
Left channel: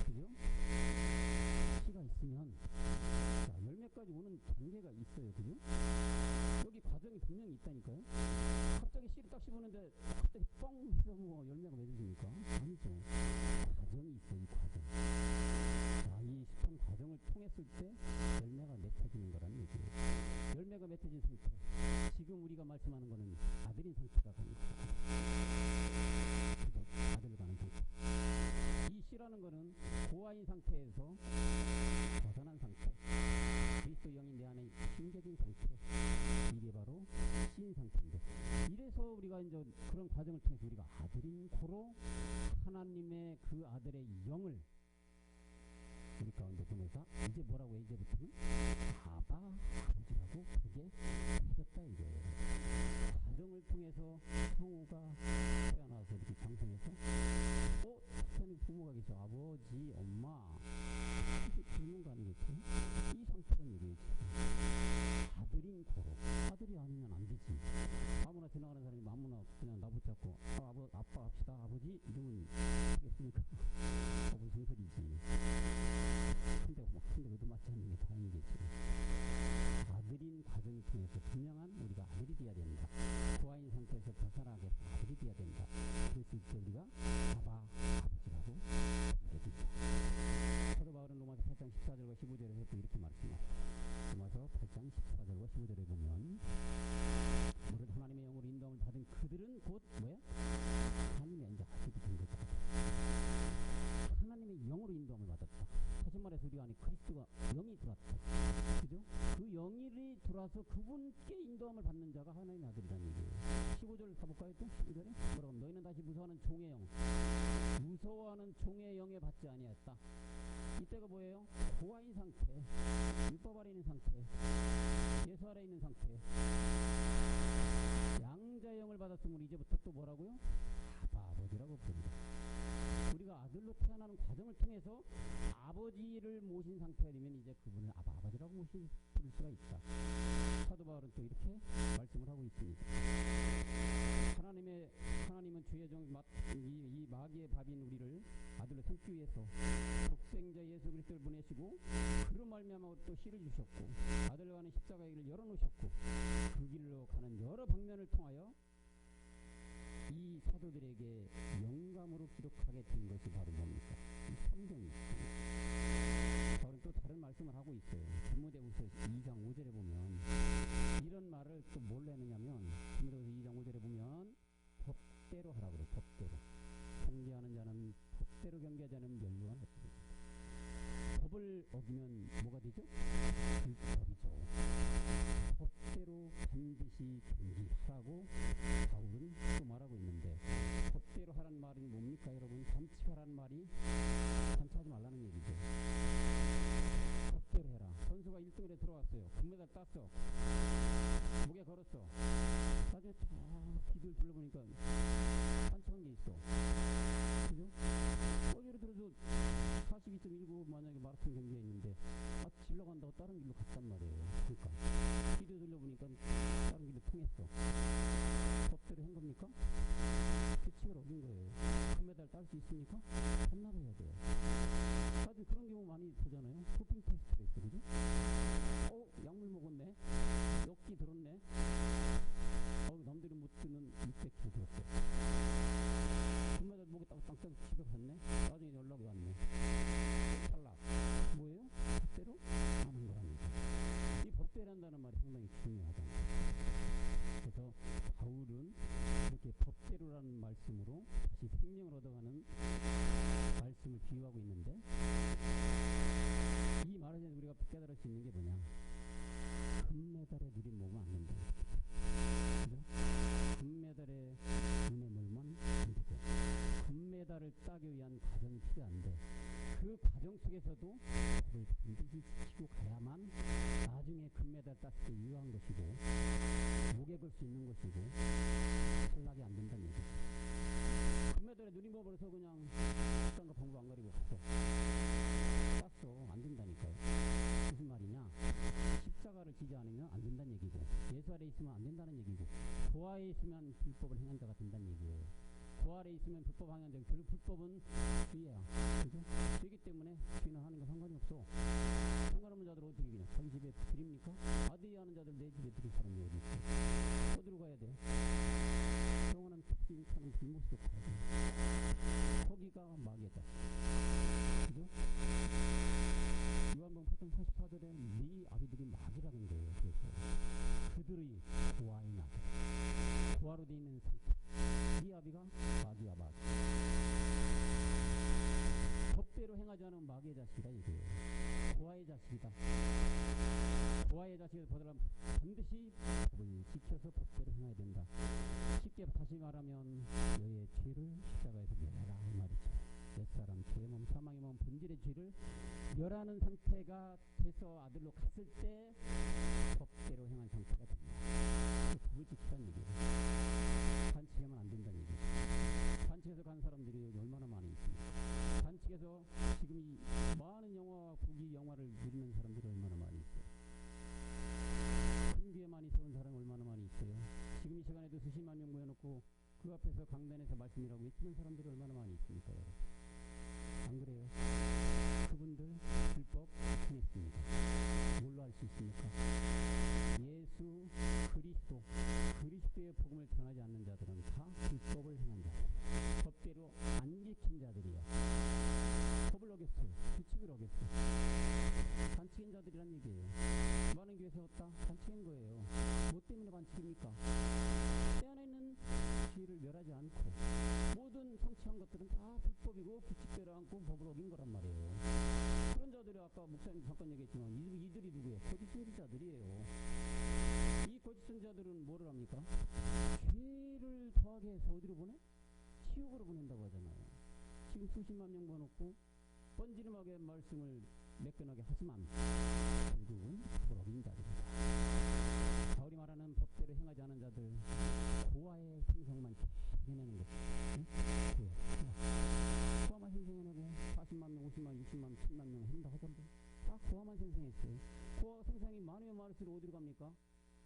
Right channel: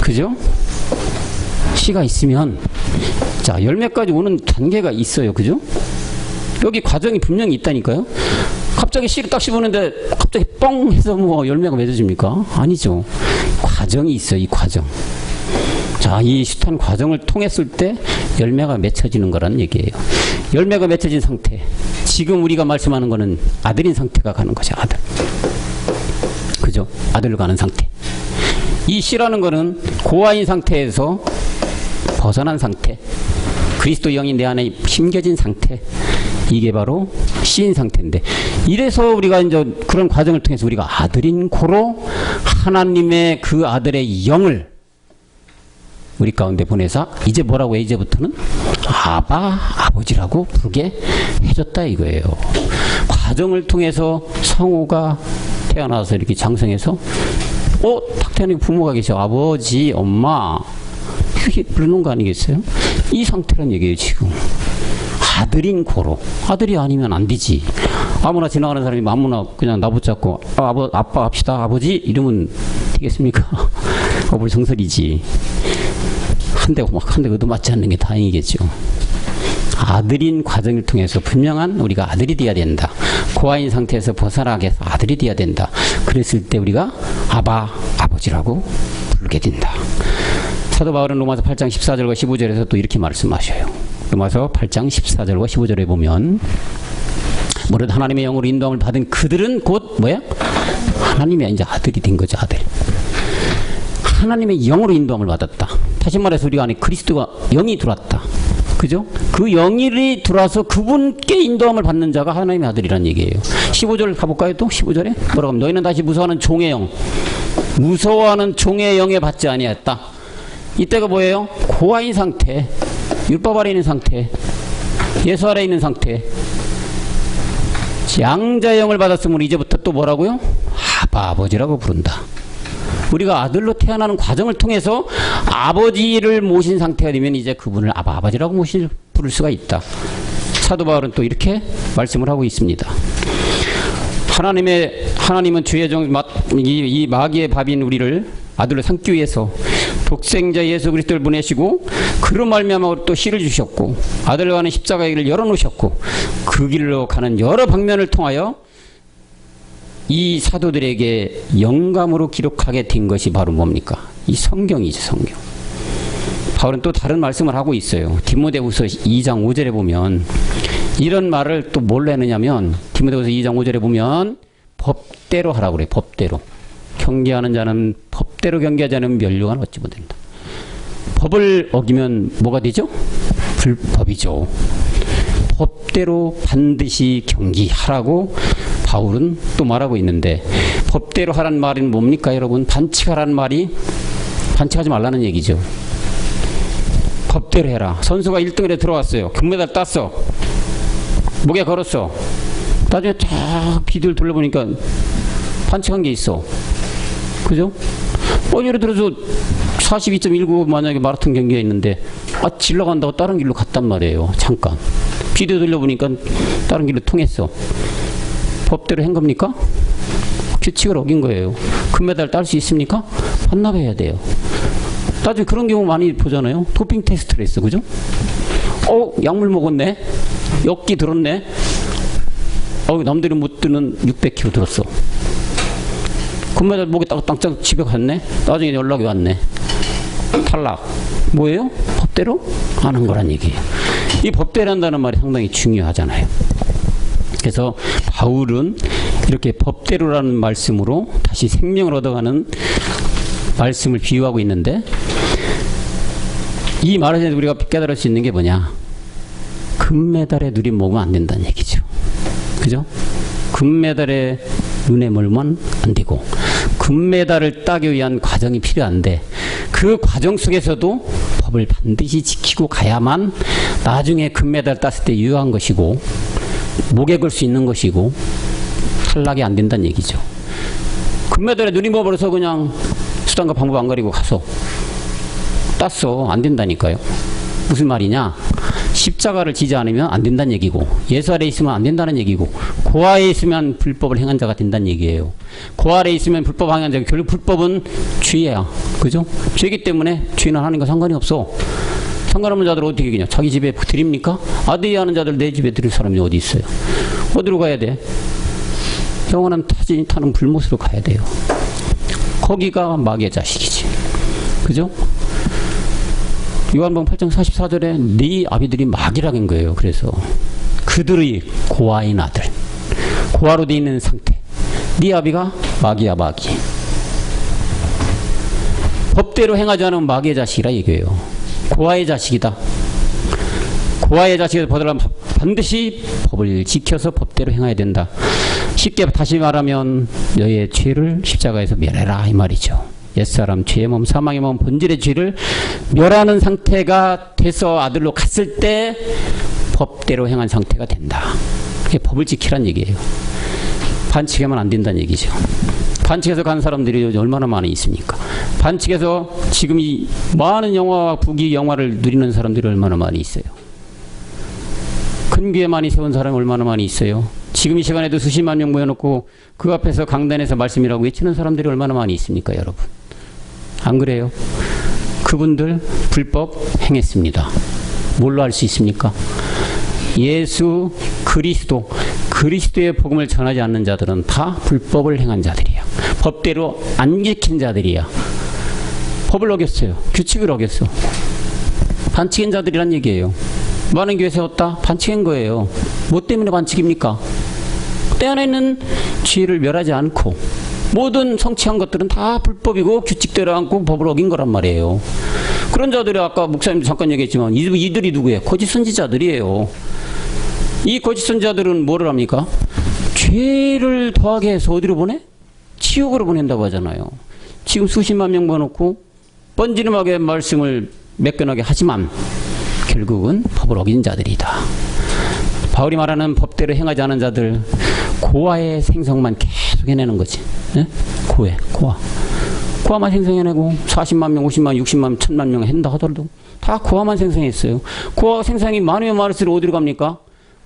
그죠? 씨가 있으면, 자, 열매까지 오는 단계가 있어요. 그죠? 여기 과정이 분명히 있다니까요. 갑자기 씨를 딱 씹었는데 갑자기 뻥 해서 뭐 열매가 맺어집니까? 아니죠. 과정이 있어요. 이 과정. 자, 이 숱한 과정을 통했을 때 열매가 맺혀지는 거라는 얘기예요. 열매가 맺혀진 상태. 지금 우리가 말씀하는 거는 아들인 상태가 가는 거죠. 아들. 그죠? 아들로 가는 상태. 이 씨라는 거는 고아인 상태에서 벗어난 상태. 그리스도 영이 내 안에 심겨진 상태. 이게 바로 씨인 상태인데, 이래서 우리가 이제 그런 과정을 통해서 우리가 아들인 고로 하나님의 그 아들의 영을 우리 가운데 보내서 이제 뭐라고 해? 이제부터는 아바, 아버지라고 부르게 해줬다 이거예요. 과정을 통해서 성우가 태어나서 이렇게 장성해서 탁 태어나니까 부모가 계셔. 아버지, 엄마 이렇게 부르는 거 아니겠어요? 이 상태란 얘기예요. 지금 아들인 고로. 아들이 아니면 안 되지. 아무나 지나가는 사람이 아무나 그냥 나붙잡고 아빠 합시다 아버지 이러면 되겠습니까? 어불성설이지. 한 대 얻어맞지 않는 게 다행이겠죠. 아들인 과정을 통해서 분명한 우리가 아들이 돼야 된다. 고아인 상태에서 벗어나게 해서 아들이 돼야 된다. 그랬을 때 우리가 아바, 아버지라고 부르게 된다. 사도 바울은 로마서 8장 14절과 15절에서 또 이렇게 말씀하셔요. 로마서 8장 14절과 15절에 보면, 무릇 하나님의 영으로 인도함을 받은 그들은 곧 뭐야? 하나님의 이제 아들이 된 거죠. 아들. 하나님의 영으로 인도함을 받았다. 다시 말해서 우리 안에 그리스도가 영이 들어왔다. 그죠? 그 영이 들어와서 그분께 인도함을 받는 자가 하나님의 아들이란 얘기예요. 15절 가볼까요? 또 15절에 뭐라고 하면, 너희는 다시 무서워하는 종의 영, 무서워하는 종의 영에 받지 아니하였다. 이때가 뭐예요? 고아인 상태, 율법 아래 있는 상태, 예수 아래 있는 상태. 양자의 영을 받았으므로 이제부터 또 뭐라고요? 아바, 아버지라고 부른다. 우리가 아들로 태어나는 과정을 통해서 아버지를 모신 상태가 되면 이제 그분을 아바, 아버지라고 부를 수가 있다. 사도 바울은 또 이렇게 말씀을 하고 있습니다. 하나님은 주의 종, 이 마귀의 밥인 우리를 아들로 삼기 위해서 독생자 예수 그리스도를 보내시고 그로 말미암아 또 씨를 주셨고 아들과 가는 십자가의 길을 열어놓으셨고 그 길로 가는 여러 방면을 통하여 이 사도들에게 영감으로 기록하게 된 것이 바로 뭡니까? 이 성경이죠. 성경. 바울은 또 다른 말씀을 하고 있어요. 디모데후서 2장 5절에 보면 이런 말을 또 뭘로 했느냐면, 디모데후서 2장 5절에 보면 법대로 하라고 그래요. 법대로. 경계하는 자는 법대로 경계하지 않으면 멸류관 얻지 못한다. 법을 어기면 뭐가 되죠? 불법이죠. 법대로 반드시 경기하라고 바울은 또 말하고 있는데, 법대로 하라는 말은 뭡니까 여러분? 반칙하라는 말이 반칙하지 말라는 얘기죠. 법대로 해라. 선수가 1등에 들어왔어요. 금메달 땄어. 목에 걸었어. 나중에 쫙 비디오를 돌려보니까 반칙한 게 있어. 그죠? 예를 들어서 42.19 만약에 마라톤 경기가 있는데 질 나간다고 다른 길로 갔단 말이에요. 잠깐. 비디오 돌려보니까 다른 길로 통했어. 법대로 한 겁니까? 규칙을 어긴 거예요. 금메달 딸 수 있습니까? 반납해야 돼요. 나중에 그런 경우 많이 보잖아요. 도핑 테스트를 했어. 그죠? 약물 먹었네. 엽기 들었네. 남들이 못 드는 600kg 들었어. 금메달 목에 땅땅 집에 갔네. 나중에 연락이 왔네. 탈락. 뭐예요? 법대로 안 한 거란 얘기예요. 이 법대로 한다는 말이 상당히 중요하잖아요. 그래서 바울은 이렇게 법대로라는 말씀으로 다시 생명을 얻어가는 말씀을 비유하고 있는데, 이 말을 통해서 우리가 깨달을 수 있는 게 뭐냐? 금메달에 누림 먹으면 안 된다는 얘기죠. 그죠? 금메달에 눈에 멀면 안 되고 금메달을 따기 위한 과정이 필요한데 그 과정 속에서도 법을 반드시 지키고 가야만 나중에 금메달 땄을 때 유효한 것이고 목에 걸 수 있는 것이고 탈락이 안 된다는 얘기죠. 금메달에 눈이 멀어서 그냥 수단과 방법 안 가리고 가서 땄어. 안 된다니까요. 무슨 말이냐? 십자가를 지지 않으면 안 된다는 얘기고 예수 아래 있으면 안 된다는 얘기고 고아에 있으면 불법을 행한 자가 된다는 얘기예요. 고 아래 있으면 불법 행한 자가 결국 불법은 죄야. 그죠? 죄이기 때문에 죄는 하나님과 상관이 없어. 상관없는 자들 어떻게 이기냐? 자기 집에 드립니까? 아들이 하는 자들 내 집에 드릴 사람이 어디 있어요? 어디로 가야 돼? 영원한 타는 불못으로 가야 돼요. 거기가 마귀의 자식이지. 그죠? 요한복음 8장 44절에 네 아비들이 마귀라는 거예요. 그래서 그들의 고아인 아들, 고아로 돼 있는 상태. 네 아비가 마귀야, 마귀. 법대로 행하지 않으면 마귀의 자식이라 얘기해요. 고아의 자식이다. 고아의 자식에서 벗어나면 반드시 법을 지켜서 법대로 행해야 된다. 쉽게 다시 말하면 너의 죄를 십자가에서 멸해라 이 말이죠. 옛사람 죄의 몸 사망의 몸 본질의 죄를 멸하는 상태가 돼서 아들로 갔을 때 법대로 행한 상태가 된다. 그게 법을 지키란 얘기예요. 반칙하면 안 된다는 얘기죠. 반칙해서 간 사람들이 얼마나 많이 있습니까? 반칙해서 지금 이 많은 영화와 부귀 영화를 누리는 사람들이 얼마나 많이 있어요. 큰 교회 많이 세운 사람이 얼마나 많이 있어요. 지금 이 시간에도 수십만 명 모여놓고 그 앞에서 강단에서 말씀이라고 외치는 사람들이 얼마나 많이 있습니까, 여러분? 안 그래요? 그분들 불법 행했습니다. 뭘로 알 수 있습니까? 예수 그리스도의 복음을 전하지 않는 자들은 다 불법을 행한 자들이야. 법대로 안 지킨 자들이야. 법을 어겼어요. 규칙을 어겼어. 반칙한 자들이란 얘기예요. 많은 교회 세웠다? 반칙한 거예요. 뭐 때문에 반칙입니까? 때 안에 있는 죄를 멸하지 않고 모든 성취한 것들은 다 불법이고 규칙대로 않고 법을 어긴 거란 말이에요. 그런 자들이 아까 목사님도 잠깐 얘기했지만 이들이 누구예요? 거짓 선지자들이에요. 이 거짓 선지자들은 뭐를 합니까? 죄를 더하게 해서 어디로 보내? 지옥으로 보낸다고 하잖아요. 지금 수십만 명 모아놓고 번지름하게 말씀을 매끈하게 하지만 결국은 법을 어긴 자들이다. 바울이 말하는 법대로 행하지 않은 자들 고아의 생성만 계속 해내는 거지. 네? 고아만 생성해내고 40만 명, 50만, 60만, 1000만 명 한다 하더라도 다 고아만 생성했어요. 고아 생성이 많으면 많을수록 어디로 갑니까?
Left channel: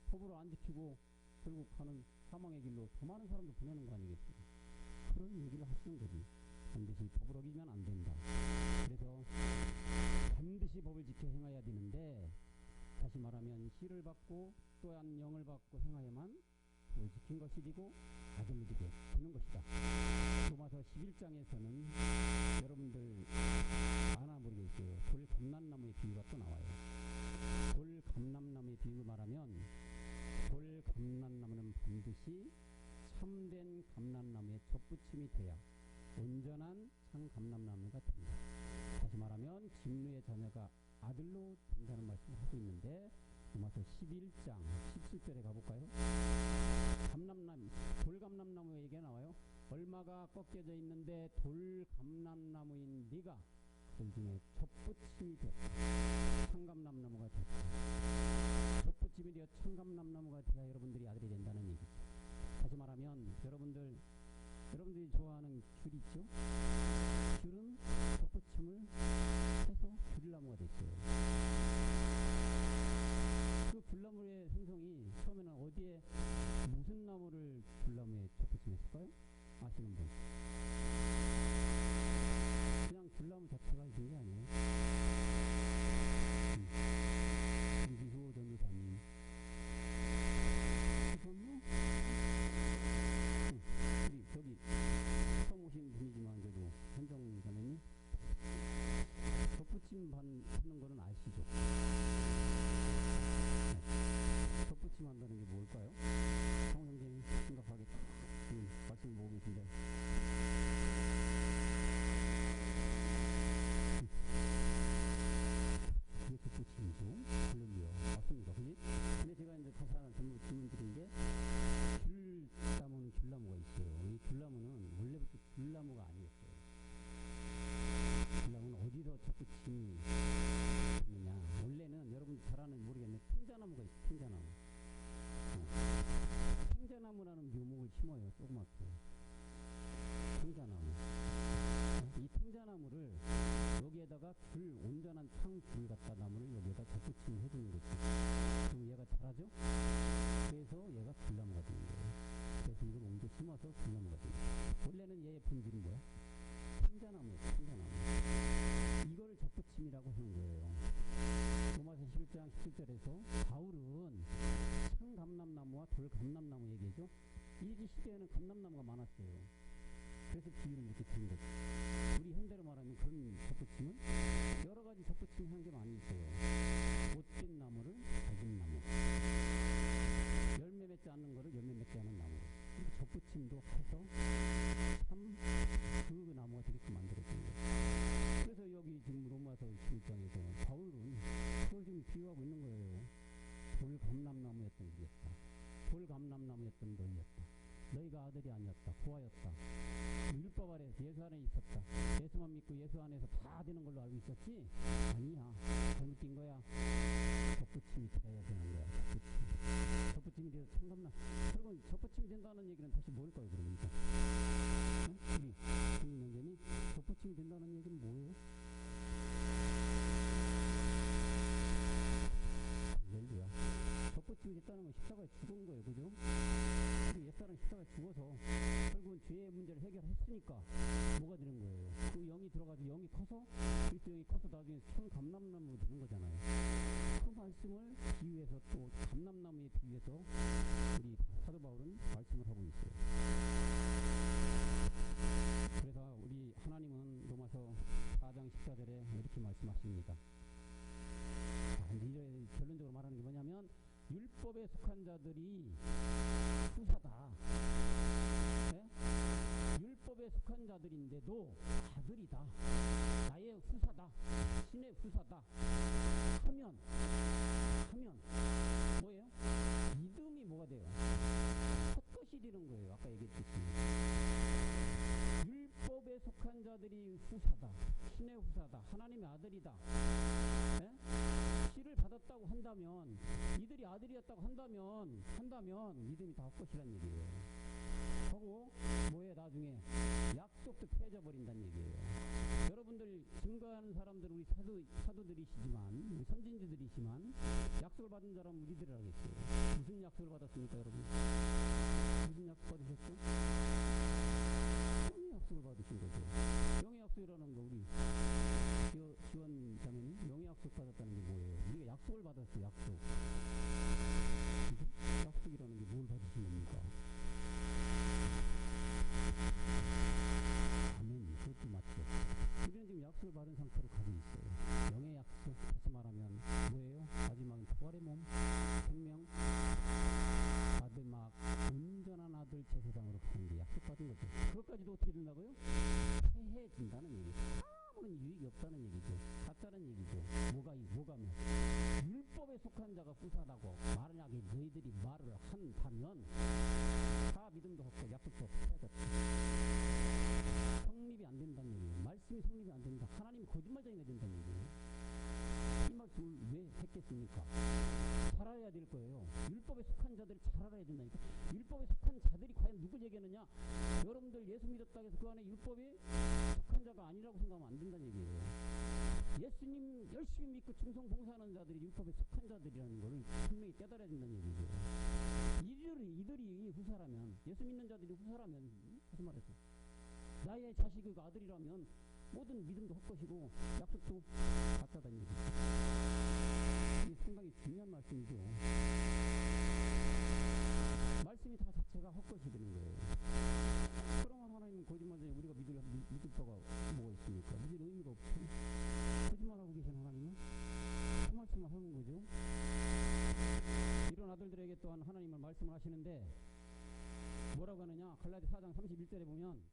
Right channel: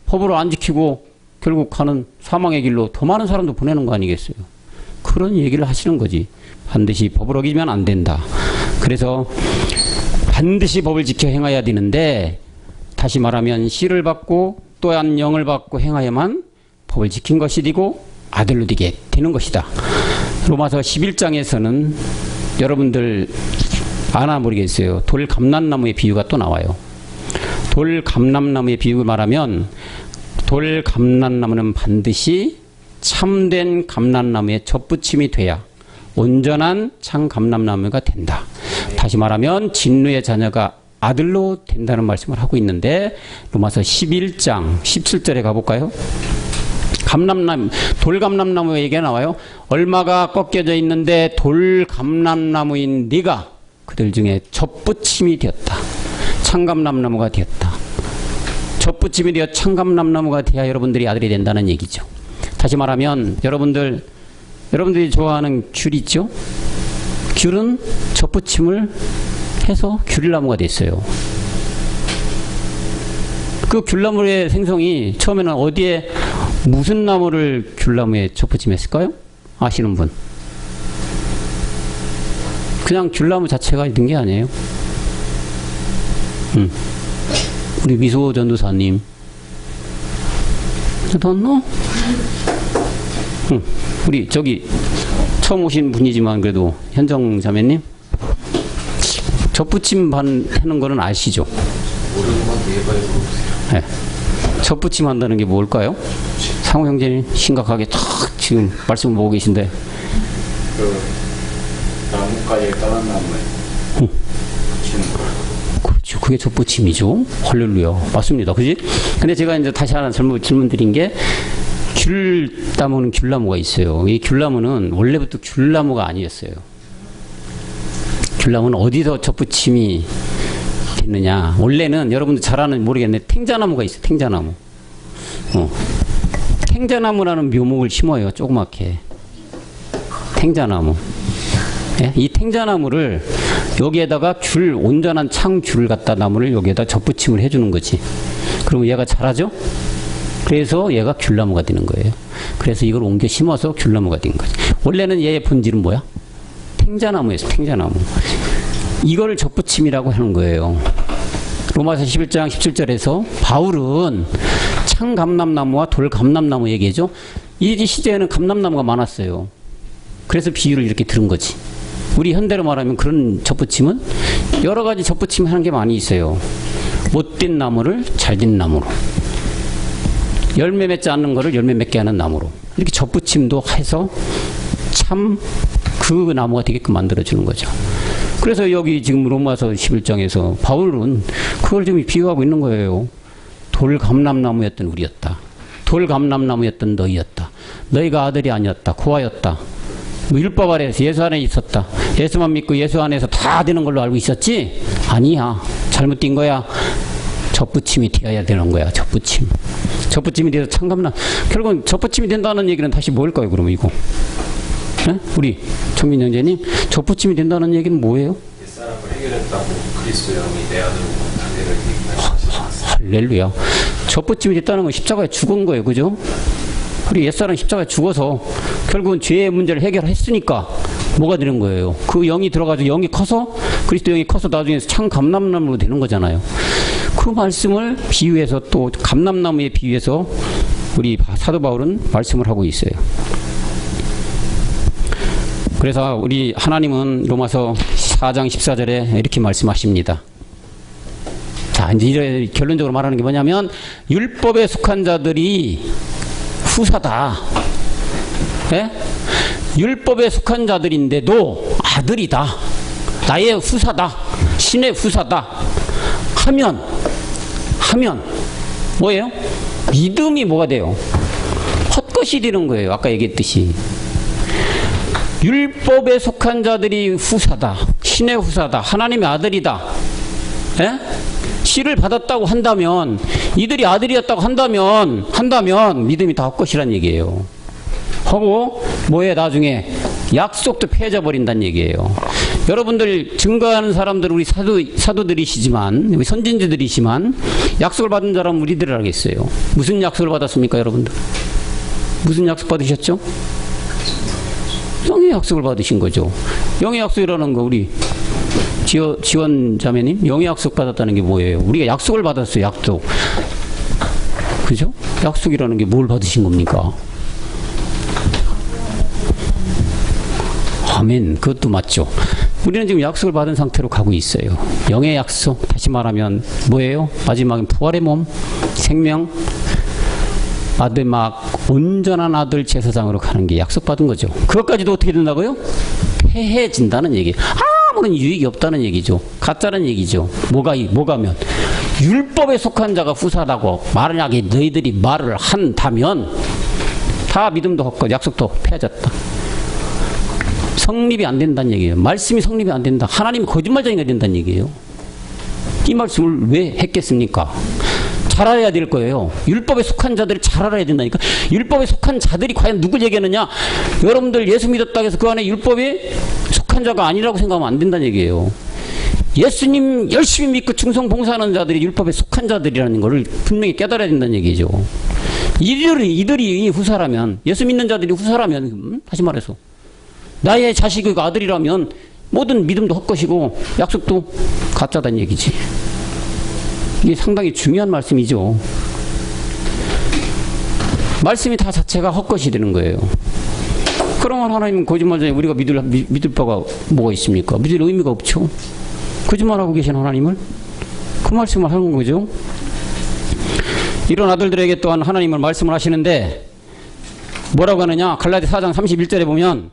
법으로 안 지키고 결국 가는 사망의 길로 더 많은 사람도 보내는 거 아니겠어요? 그런 얘기를 하시는 거지. 반드시 법을 어기면 안 된다. 그래서 반드시 법을 지켜 행해야 되는데 다시 말하면 씨를 받고 또한 영을 받고 행하여만 법을 지킨 것이 되고 아들로 되게 되는 것이다. 로마서 11장에서는 여러분들 아나 모르겠어요. 돌감람나무의 비유가 또 나와요. 돌감람나무의 비유를 말하면 돌감람나무는 반드시 참된 감람나무의 젖붙임이 돼야 온전한 참 감람나무가 된다. 다시 말하면 진노의 자녀가 아들로 된다는 말씀을 하고 있는데 로마서 11장 17절에 가볼까요? 돌감람나무 얘기가 나와요. 얼마가 꺾여져 있는데 돌감람나무인 네가 그들 중에 젖붙임이 되었다. 참감람나무가 되었다. 젖붙임이 되어 참감람나무가 되어야 여러분들이 아들이 된다는 얘기죠. 다시 말하면 여러분들이 좋아하는 귤 있죠? 귤은 젖붙임을 해서 귤나무가 됐어요. 그 귤나무의 생성이 처음에는 어디에 무슨 나무를 귤나무에 젖붙임했을까요? 아시는 분? 그냥 귤나무 자체가 있는 게 아니에요. 우리 미소 전도사님. 너? 우리 저기 처음 오신 분이지만 그래도 현정 자매님 젖붙임 하는 거는 아시죠? 네. 젖붙임 한다는 게 뭘까요? 상호 형제님 심각하게 탁 지금 말씀을 보고 계신데 그 나뭇가지에 까만 나무에 붙이는 거. 그렇죠. 그게 젖붙임이죠. 할렐루야. 맞습니다. 그지? 근데 제가 이제 다시 하나 질문 드린 게 귤나무는 귤나무가 있어요. 이 귤나무는 원래부터 귤나무가 아니었어요. 귤나무는 어디서 접붙임이 됐느냐. 원래는 여러분들 잘 아는 모르겠는데 탱자나무가 있어요. 탱자나무. 탱자나무라는 묘목을 심어요. 조그맣게. 탱자나무. 예? 이 탱자나무를 여기에다가 귤, 온전한 창귤을 갖다 나무를 여기에다 접붙임을 해주는 거지. 그러면 얘가 자라죠? 그래서 얘가 귤나무가 되는 거예요. 그래서 이걸 옮겨 심어서 귤나무가 된 거지. 원래는 얘의 본질은 뭐야? 탱자나무였어. 탱자나무. 이걸 접붙임이라고 하는 거예요. 로마서 11장 17절에서 바울은 창감람나무와 돌감람나무 얘기해죠. 이 시대에는 감람나무가 많았어요. 그래서 비유를 이렇게 들은 거지. 우리 현대로 말하면 그런 접붙임은 여러 가지 접붙임 하는 게 많이 있어요. 못된 나무를 잘된 나무로, 열매 맺지 않는 거를 열매 맺게 하는 나무로, 이렇게 접붙임도 해서 참 그 나무가 되게끔 만들어주는 거죠. 그래서 여기 지금 로마서 11장에서 바울은 그걸 좀 비유하고 있는 거예요. 돌감람나무였던 우리였다. 돌감람나무였던 너희였다. 너희가 아들이 아니었다. 고아였다. 율법 아래에서 예수 안에 있었다. 예수만 믿고 예수 안에서 다 되는 걸로 알고 있었지? 아니야. 잘못된 거야. 접붙임이 되어야 되는 거야. 접붙임. 접붙임이 돼서 창감나. 결국은 접붙임이 된다는 얘기는 다시 뭘까요? 그러면 이거. 네? 우리 정민 형제님, 접붙임이 된다는 얘기는 뭐예요? 옛사람을 해결했다고 그리스도 영이 내 안으로 자기를 얘기하셨습니다. 할렐루야. 접붙임이 됐다는 건 십자가에 죽은 거예요. 그죠? 우리 옛사람 십자가에 죽어서 결국은 죄의 문제를 해결했으니까 뭐가 되는 거예요? 그 영이 들어가지고 영이 커서 그리스도 영이 커서 나중에 창감람나무로 되는 거잖아요. 그 말씀을 비유해서 또 감람나무에 비유해서 우리 사도 바울은 말씀을 하고 있어요. 그래서 우리 하나님은 로마서 4장 14절에 이렇게 말씀하십니다. 자, 이제 결론적으로 말하는 게 뭐냐면 율법에 속한 자들이 후사다. 예? 율법에 속한 자들인데도 아들이다. 나의 후사다. 신의 후사다. 하면 뭐예요? 믿음이 뭐가 돼요? 헛것이 되는 거예요. 아까 얘기했듯이. 율법에 속한 자들이 후사다. 신의 후사다. 하나님의 아들이다. 예? 씨를 받았다고 한다면, 이들이 아들이었다고 한다면 믿음이 다 헛것이란 얘기예요. 하고 뭐에 나중에 약속도 폐해져버린다는 얘기예요. 여러분들 증거하는 사람들 우리 사도들이시지만, 우리 선진지들이시지만 약속을 받은 사람은 우리들 알겠어요. 무슨 약속을 받았습니까, 여러분들? 무슨 약속 받으셨죠? 영의 약속을 받으신 거죠. 영의 약속이라는 거 우리 지원 자매님, 영의 약속 받았다는 게 뭐예요? 우리가 약속을 받았어요. 약속. 그죠? 약속이라는 게 뭘 받으신 겁니까? 아멘. 그것도 맞죠. 우리는 지금 약속을 받은 상태로 가고 있어요. 영의 약속, 다시 말하면 뭐예요? 마지막엔 부활의 몸, 생명, 마지막 온전한 아들 제사장으로 가는 게 약속받은 거죠. 그것까지도 어떻게 된다고요? 폐해진다는 얘기. 아무런 유익이 없다는 얘기죠. 가짜는 얘기죠. 뭐가면 율법에 속한 자가 후사라고 만약에 너희들이 말을 한다면 다 믿음도 없고 약속도 폐해졌다. 성립이 안 된다는 얘기예요. 말씀이 성립이 안 된다. 하나님이 거짓말쟁이가 된다는 얘기예요. 이 말씀을 왜 했겠습니까? 잘 알아야 될 거예요. 율법에 속한 자들이 잘 알아야 된다니까. 율법에 속한 자들이 과연 누굴 얘기하느냐? 여러분들 예수 믿었다고 해서 그 안에 율법에 속한 자가 아니라고 생각하면 안 된다는 얘기예요. 예수님 열심히 믿고 충성 봉사하는 자들이 율법에 속한 자들이라는 것을 분명히 깨달아야 된다는 얘기죠. 이들이 후사라면, 예수 믿는 자들이 후사라면, 다시 말해서 나의 자식이 아들이라면 모든 믿음도 헛것이고 약속도 가짜다는 얘기지. 이게 상당히 중요한 말씀이죠. 말씀이 다 자체가 헛것이 되는 거예요. 그러면 하나님은 거짓말쟁이 우리가 믿을 바가 뭐가 있습니까? 믿을 의미가 없죠. 거짓말하고 계신 하나님을 그 말씀을 하는 거죠. 이런 아들들에게 또한 하나님은 말씀을 하시는데 뭐라고 하느냐? 갈라디 4장 31절에 보면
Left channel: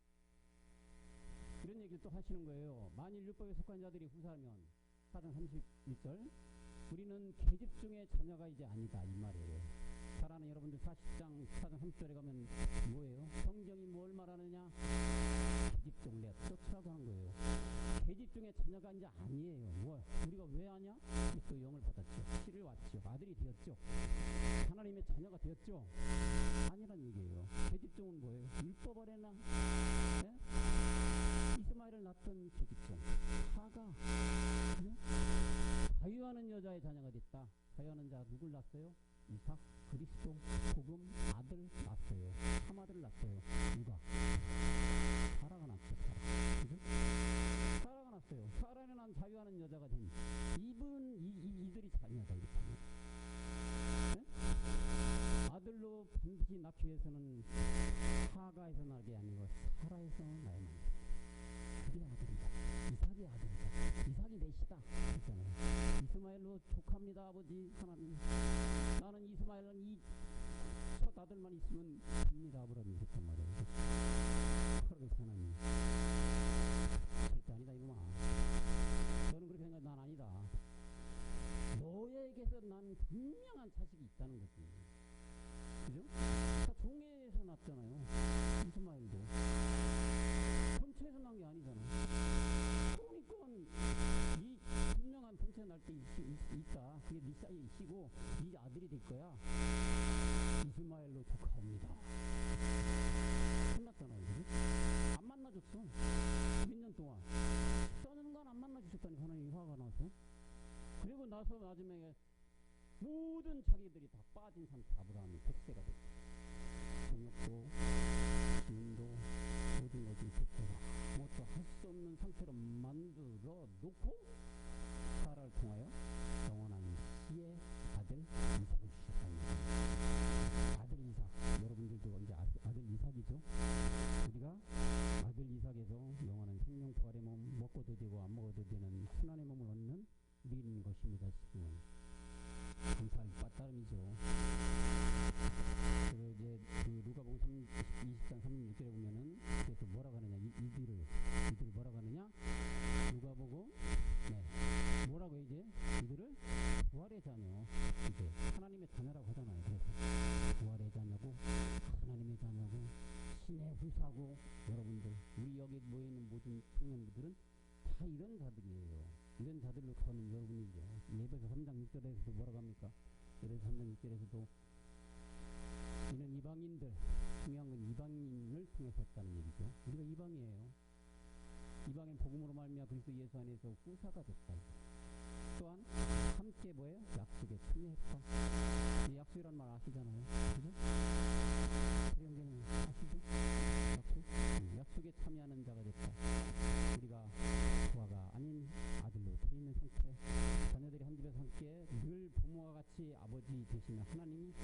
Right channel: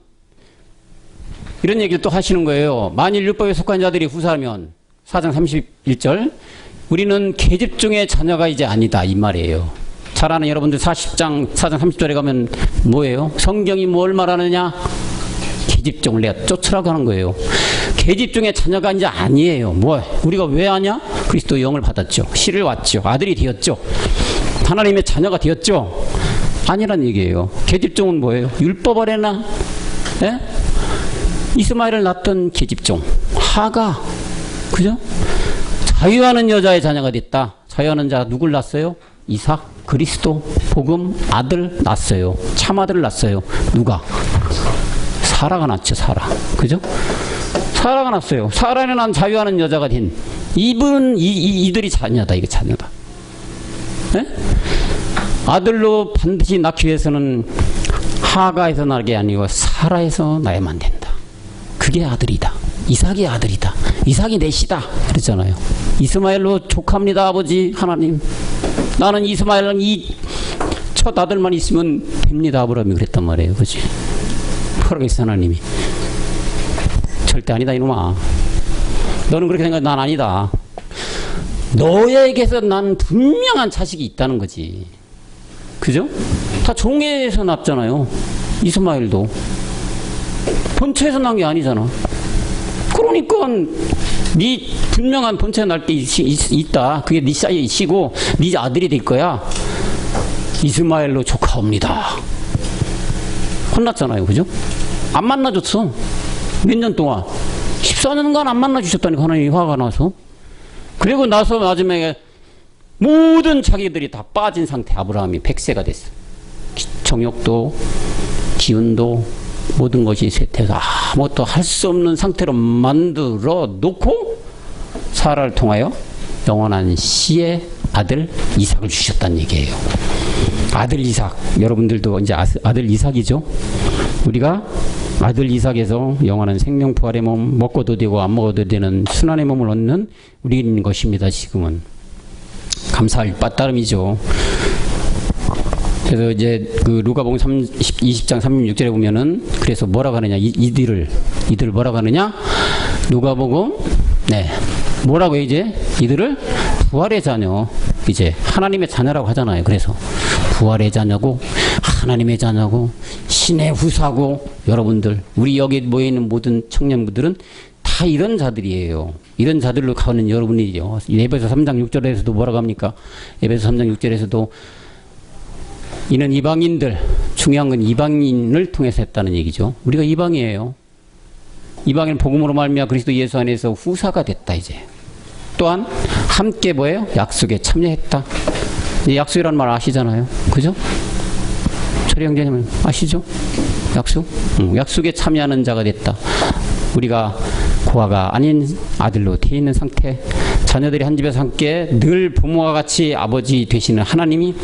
이런 얘기를 또 하시는 거예요. 만일 율법에 속한 자들이 후사하면 4장 31절 우리는 계집 중의 자녀가 이제 아니다 이 말이에요. 잘 아는 여러분들 4장 30절에 가면 뭐예요? 성경이 뭘 말하느냐? 계집종을 내가 쫓으라고 하는 거예요. 계집종의 자녀가 이제 아니에요. 뭐 우리가 왜 아냐? 그리스도 영을 받았죠. 씨를 왔죠. 아들이 되었죠. 하나님의 자녀가 되었죠. 아니란 얘기예요. 계집종은 뭐예요? 율법 아래나 예? 이스마엘을 낳던 계집종 하가, 그죠? 자유하는 여자의 자녀가 됐다. 자유하는 자 누굴 낳았어요? 이삭, 그리스도, 복음, 아들 낳았어요. 참 아들을 낳았어요. 누가? 사라가 낳죠. 사라, 그죠? 사라가 낳았어요. 사라는 난 자유하는 여자가 된 이들이 자녀다. 이게 자녀다. 예? 아들로 반드시 낳기 위해서는 하가에서 나게 아니고 사라에서 나야만 된다. 그게 아들이다. 이삭이 아들이다. 이삭이 넷이다. 그랬잖아요. 이스마엘로 족합니다. 아버지 하나님. 나는 이스마엘은 이 첫 아들만 있으면 됩니다. 아브라함이 그랬단 말이에요. 그렇지? 뭐라겠어 하나님이. 절대 아니다 이놈아. 너는 그렇게 생각해. 난 아니다. 너에게서 난 분명한 자식이 있다는 거지. 그죠? 다 종에서 낳잖아요. 이스마엘도 본처에서 난 게 아니잖아. 그러니까 네 분명한 본처에 날 게 있다. 그게 네 씨고 네 아들이 될 거야. 이스마엘로 조카옵니다. 혼났잖아요. 그죠? 안 만나줬어. 몇 년 동안 14년간 안 만나주셨다니까 하나님이 화가 나서. 그리고 나서 마지막에 모든 자기들이 다 빠진 상태. 아브라함이 100세가 됐어. 정욕도 기운도 모든 것이 쇠퇴해서 아무것도 할 수 없는 상태로 만들어 놓고 사라를 통하여 영원한 씨의 아들 이삭을 주셨다는 얘기예요. 아들 이삭. 여러분들도 이제 아들 이삭이죠. 우리가 아들 이삭에서 영원한 생명 부활의 몸, 먹고도 되고 안 먹어도 되는 순환의 몸을 얻는 우리인 것입니다. 지금은 감사할 바따름이죠. 그래서 이제 그 누가복음 20장 36절에 보면은 그래서 뭐라고 하느냐, 이들을 뭐라고 하느냐, 누가복음 뭐라고 해, 이제 이들을 부활의 자녀, 이제 하나님의 자녀라고 하잖아요. 그래서 부활의 자녀고 하나님의 자녀고 신의 후사고, 여러분들 우리 여기 모여 있는 모든 청년분들은 다 이런 자들이에요. 이런 자들로 가는 여러분이죠. 에베소 3장 6절에서도 뭐라고 합니까? 에베소 3장 6절에서도 이는 이방인들, 중요한 건 이방인을 통해서 했다는 얘기죠. 우리가 이방이에요. 이방인 복음으로 말미암아 그리스도 예수 안에서 후사가 됐다. 이제 또한 함께 뭐예요? 약속에 참여했다. 이 약속이라는 말 아시잖아요. 그죠? 철이 형제님 아시죠? 약속? 약속에 참여하는 자가 됐다. 우리가 고아가 아닌 아들로 되어 있는 상태, 자녀들이 한 집에서 함께 늘 부모와 같이 아버지 되시는 하나님이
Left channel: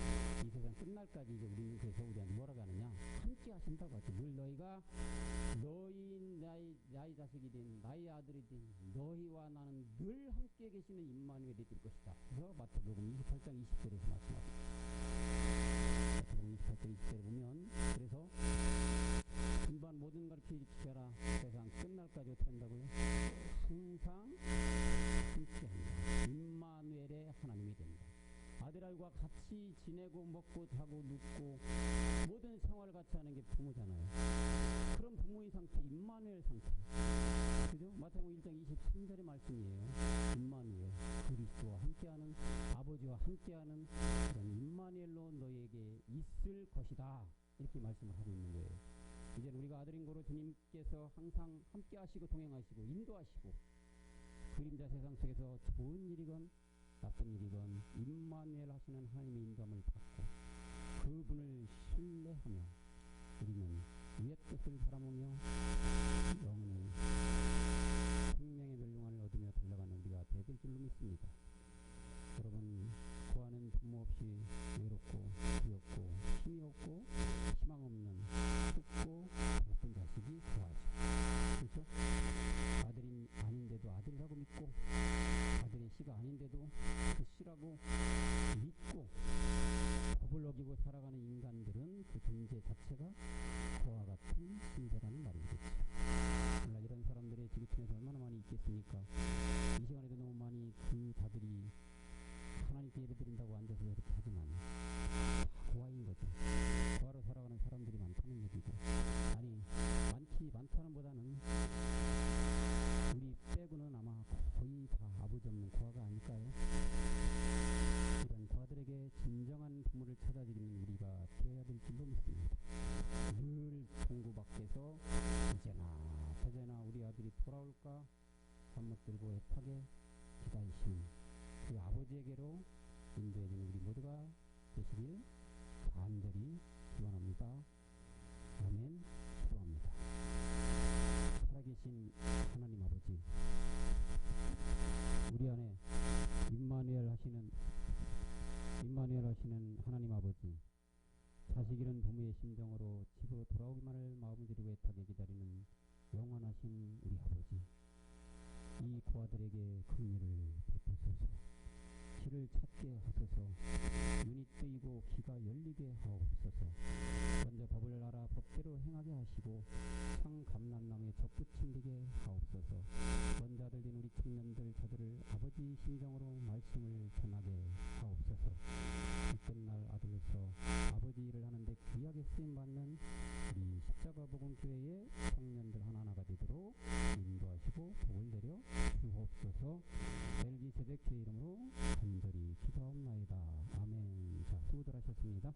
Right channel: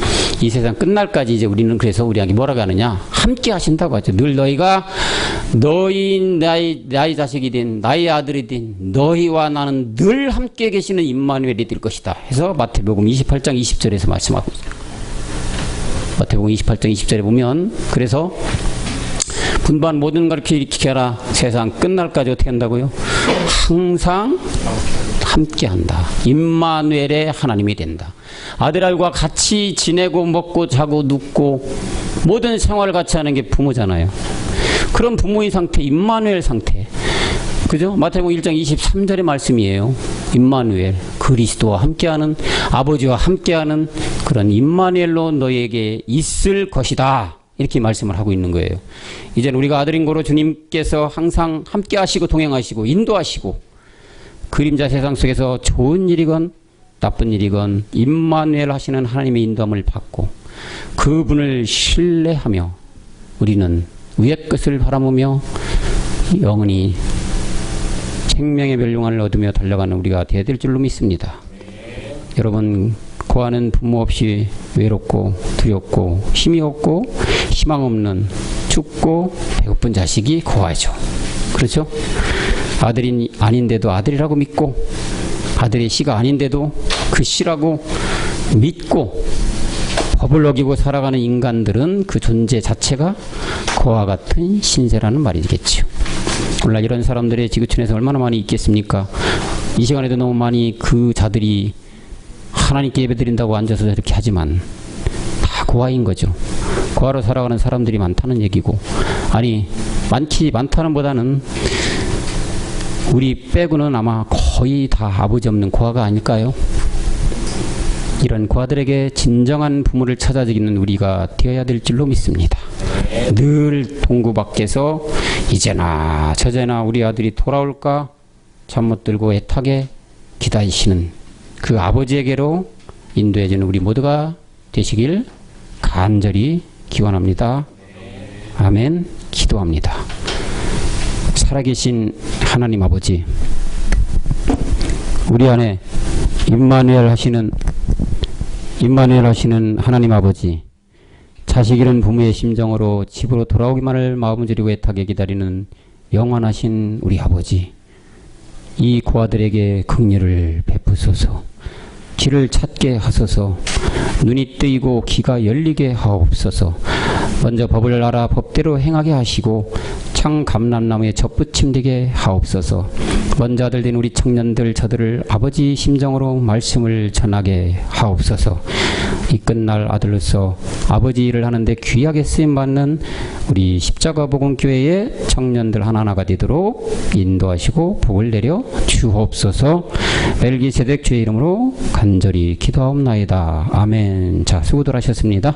이 세상 끝날까지 이제 우리는 그래서 우리에게 뭐라고 하느냐, 함께 하신다고 하죠. 늘 너희가 나의 자식이 된 나의 아들이 된 너희와 나는 늘 함께 계시는 임마누엘이 될 것이다 해서 마태복음 28장 20절에서 말씀하고 있어요. 마태복음 28장 20절에 보면 그래서 분반 모든 걸 이렇게 하라. 세상 끝날까지 어떻게 한다고요? 항상 함께 한다. 임마누엘의 하나님이 된다. 아들과 같이 지내고 먹고 자고 눕고 모든 생활을 같이 하는 게 부모잖아요. 그런 부모의 상태, 임마누엘 상태. 그죠? 마태복음 1장 23절의 말씀이에요. 임마누엘, 그리스도와 함께하는, 아버지와 함께하는 그런 임마누엘로 너에게 있을 것이다. 이렇게 말씀을 하고 있는 거예요. 이제는 우리가 아들인 거로 주님께서 항상 함께 하시고 동행하시고 인도하시고 그림자 세상 속에서 좋은 일이건 나쁜 일이건 임마누엘 하시는 하나님의 인도함을 받고 그분을 신뢰하며 우리는 위의 것을 바라보며 영원히 생명의 멸류관을 얻으며 달려가는 우리가 되어야 될 줄로 믿습니다. 여러분, 고아는 부모 없이 외롭고 두렵고 힘이 없고 희망 없는 죽고 배고픈 자식이 고아죠. 그렇죠? 아들이 아닌데도 아들이라고 믿고 아들의 씨가 아닌데도 그 씨라고 믿고 법을 어기고 살아가는 인간들은 그 존재 자체가 고아 같은 신세라는 말이겠죠. 오늘 이런 사람들의 지구촌에서 얼마나 많이 있겠습니까? 이 시간에도 너무 많이 그 자들이 하나님께 예배드린다고 앉아서 이렇게 하지만 고아인 거죠. 고아로 살아가는 사람들이 많다는 얘기고, 아니 많다는 보다는 우리 빼고는 아마 거의 다 아버지 없는 고아가 아닐까요? 이런 고아들에게 진정한 부모를 찾아주기는 우리가 되어야 될 줄로 믿습니다. 늘 동구 밖에서 이제나 저제나 우리 아들이 돌아올까 잠 못 들고 애타게 기다리시는 그 아버지에게로 인도해주는 우리 모두가 되시길 간절히 기원합니다. 아멘. 기도합니다. 살아계신 하나님 아버지, 우리 안에 임마누엘 하시는 하나님 아버지, 자식 잃은 부모의 심정으로 집으로 돌아오기만을 마음을 졸이고 애타게 기다리는 영원하신 우리 아버지, 이 고아들에게 긍휼을 베푸소서. 길을 찾게 하소서. 눈이 뜨이고 귀가 열리게 하옵소서. 먼저 법을 알아 법대로 행하게 하시고 창 감람나무에 젖붙임되게 하옵소서. 먼저 아들 된 우리 청년들 저들을 아버지 심정으로 말씀을 전하게 하옵소서. 이 끝날 아들로서 아버지 일을 하는데 귀하게 쓰임받는 우리 십자가복음교회의 청년들 하나하나가 되도록 인도하시고 복을 내려 주옵소서. 멜기세덱 주의 이름으로 간절히 기도하옵나이다. 아멘. 자, 수고들 하셨습니다.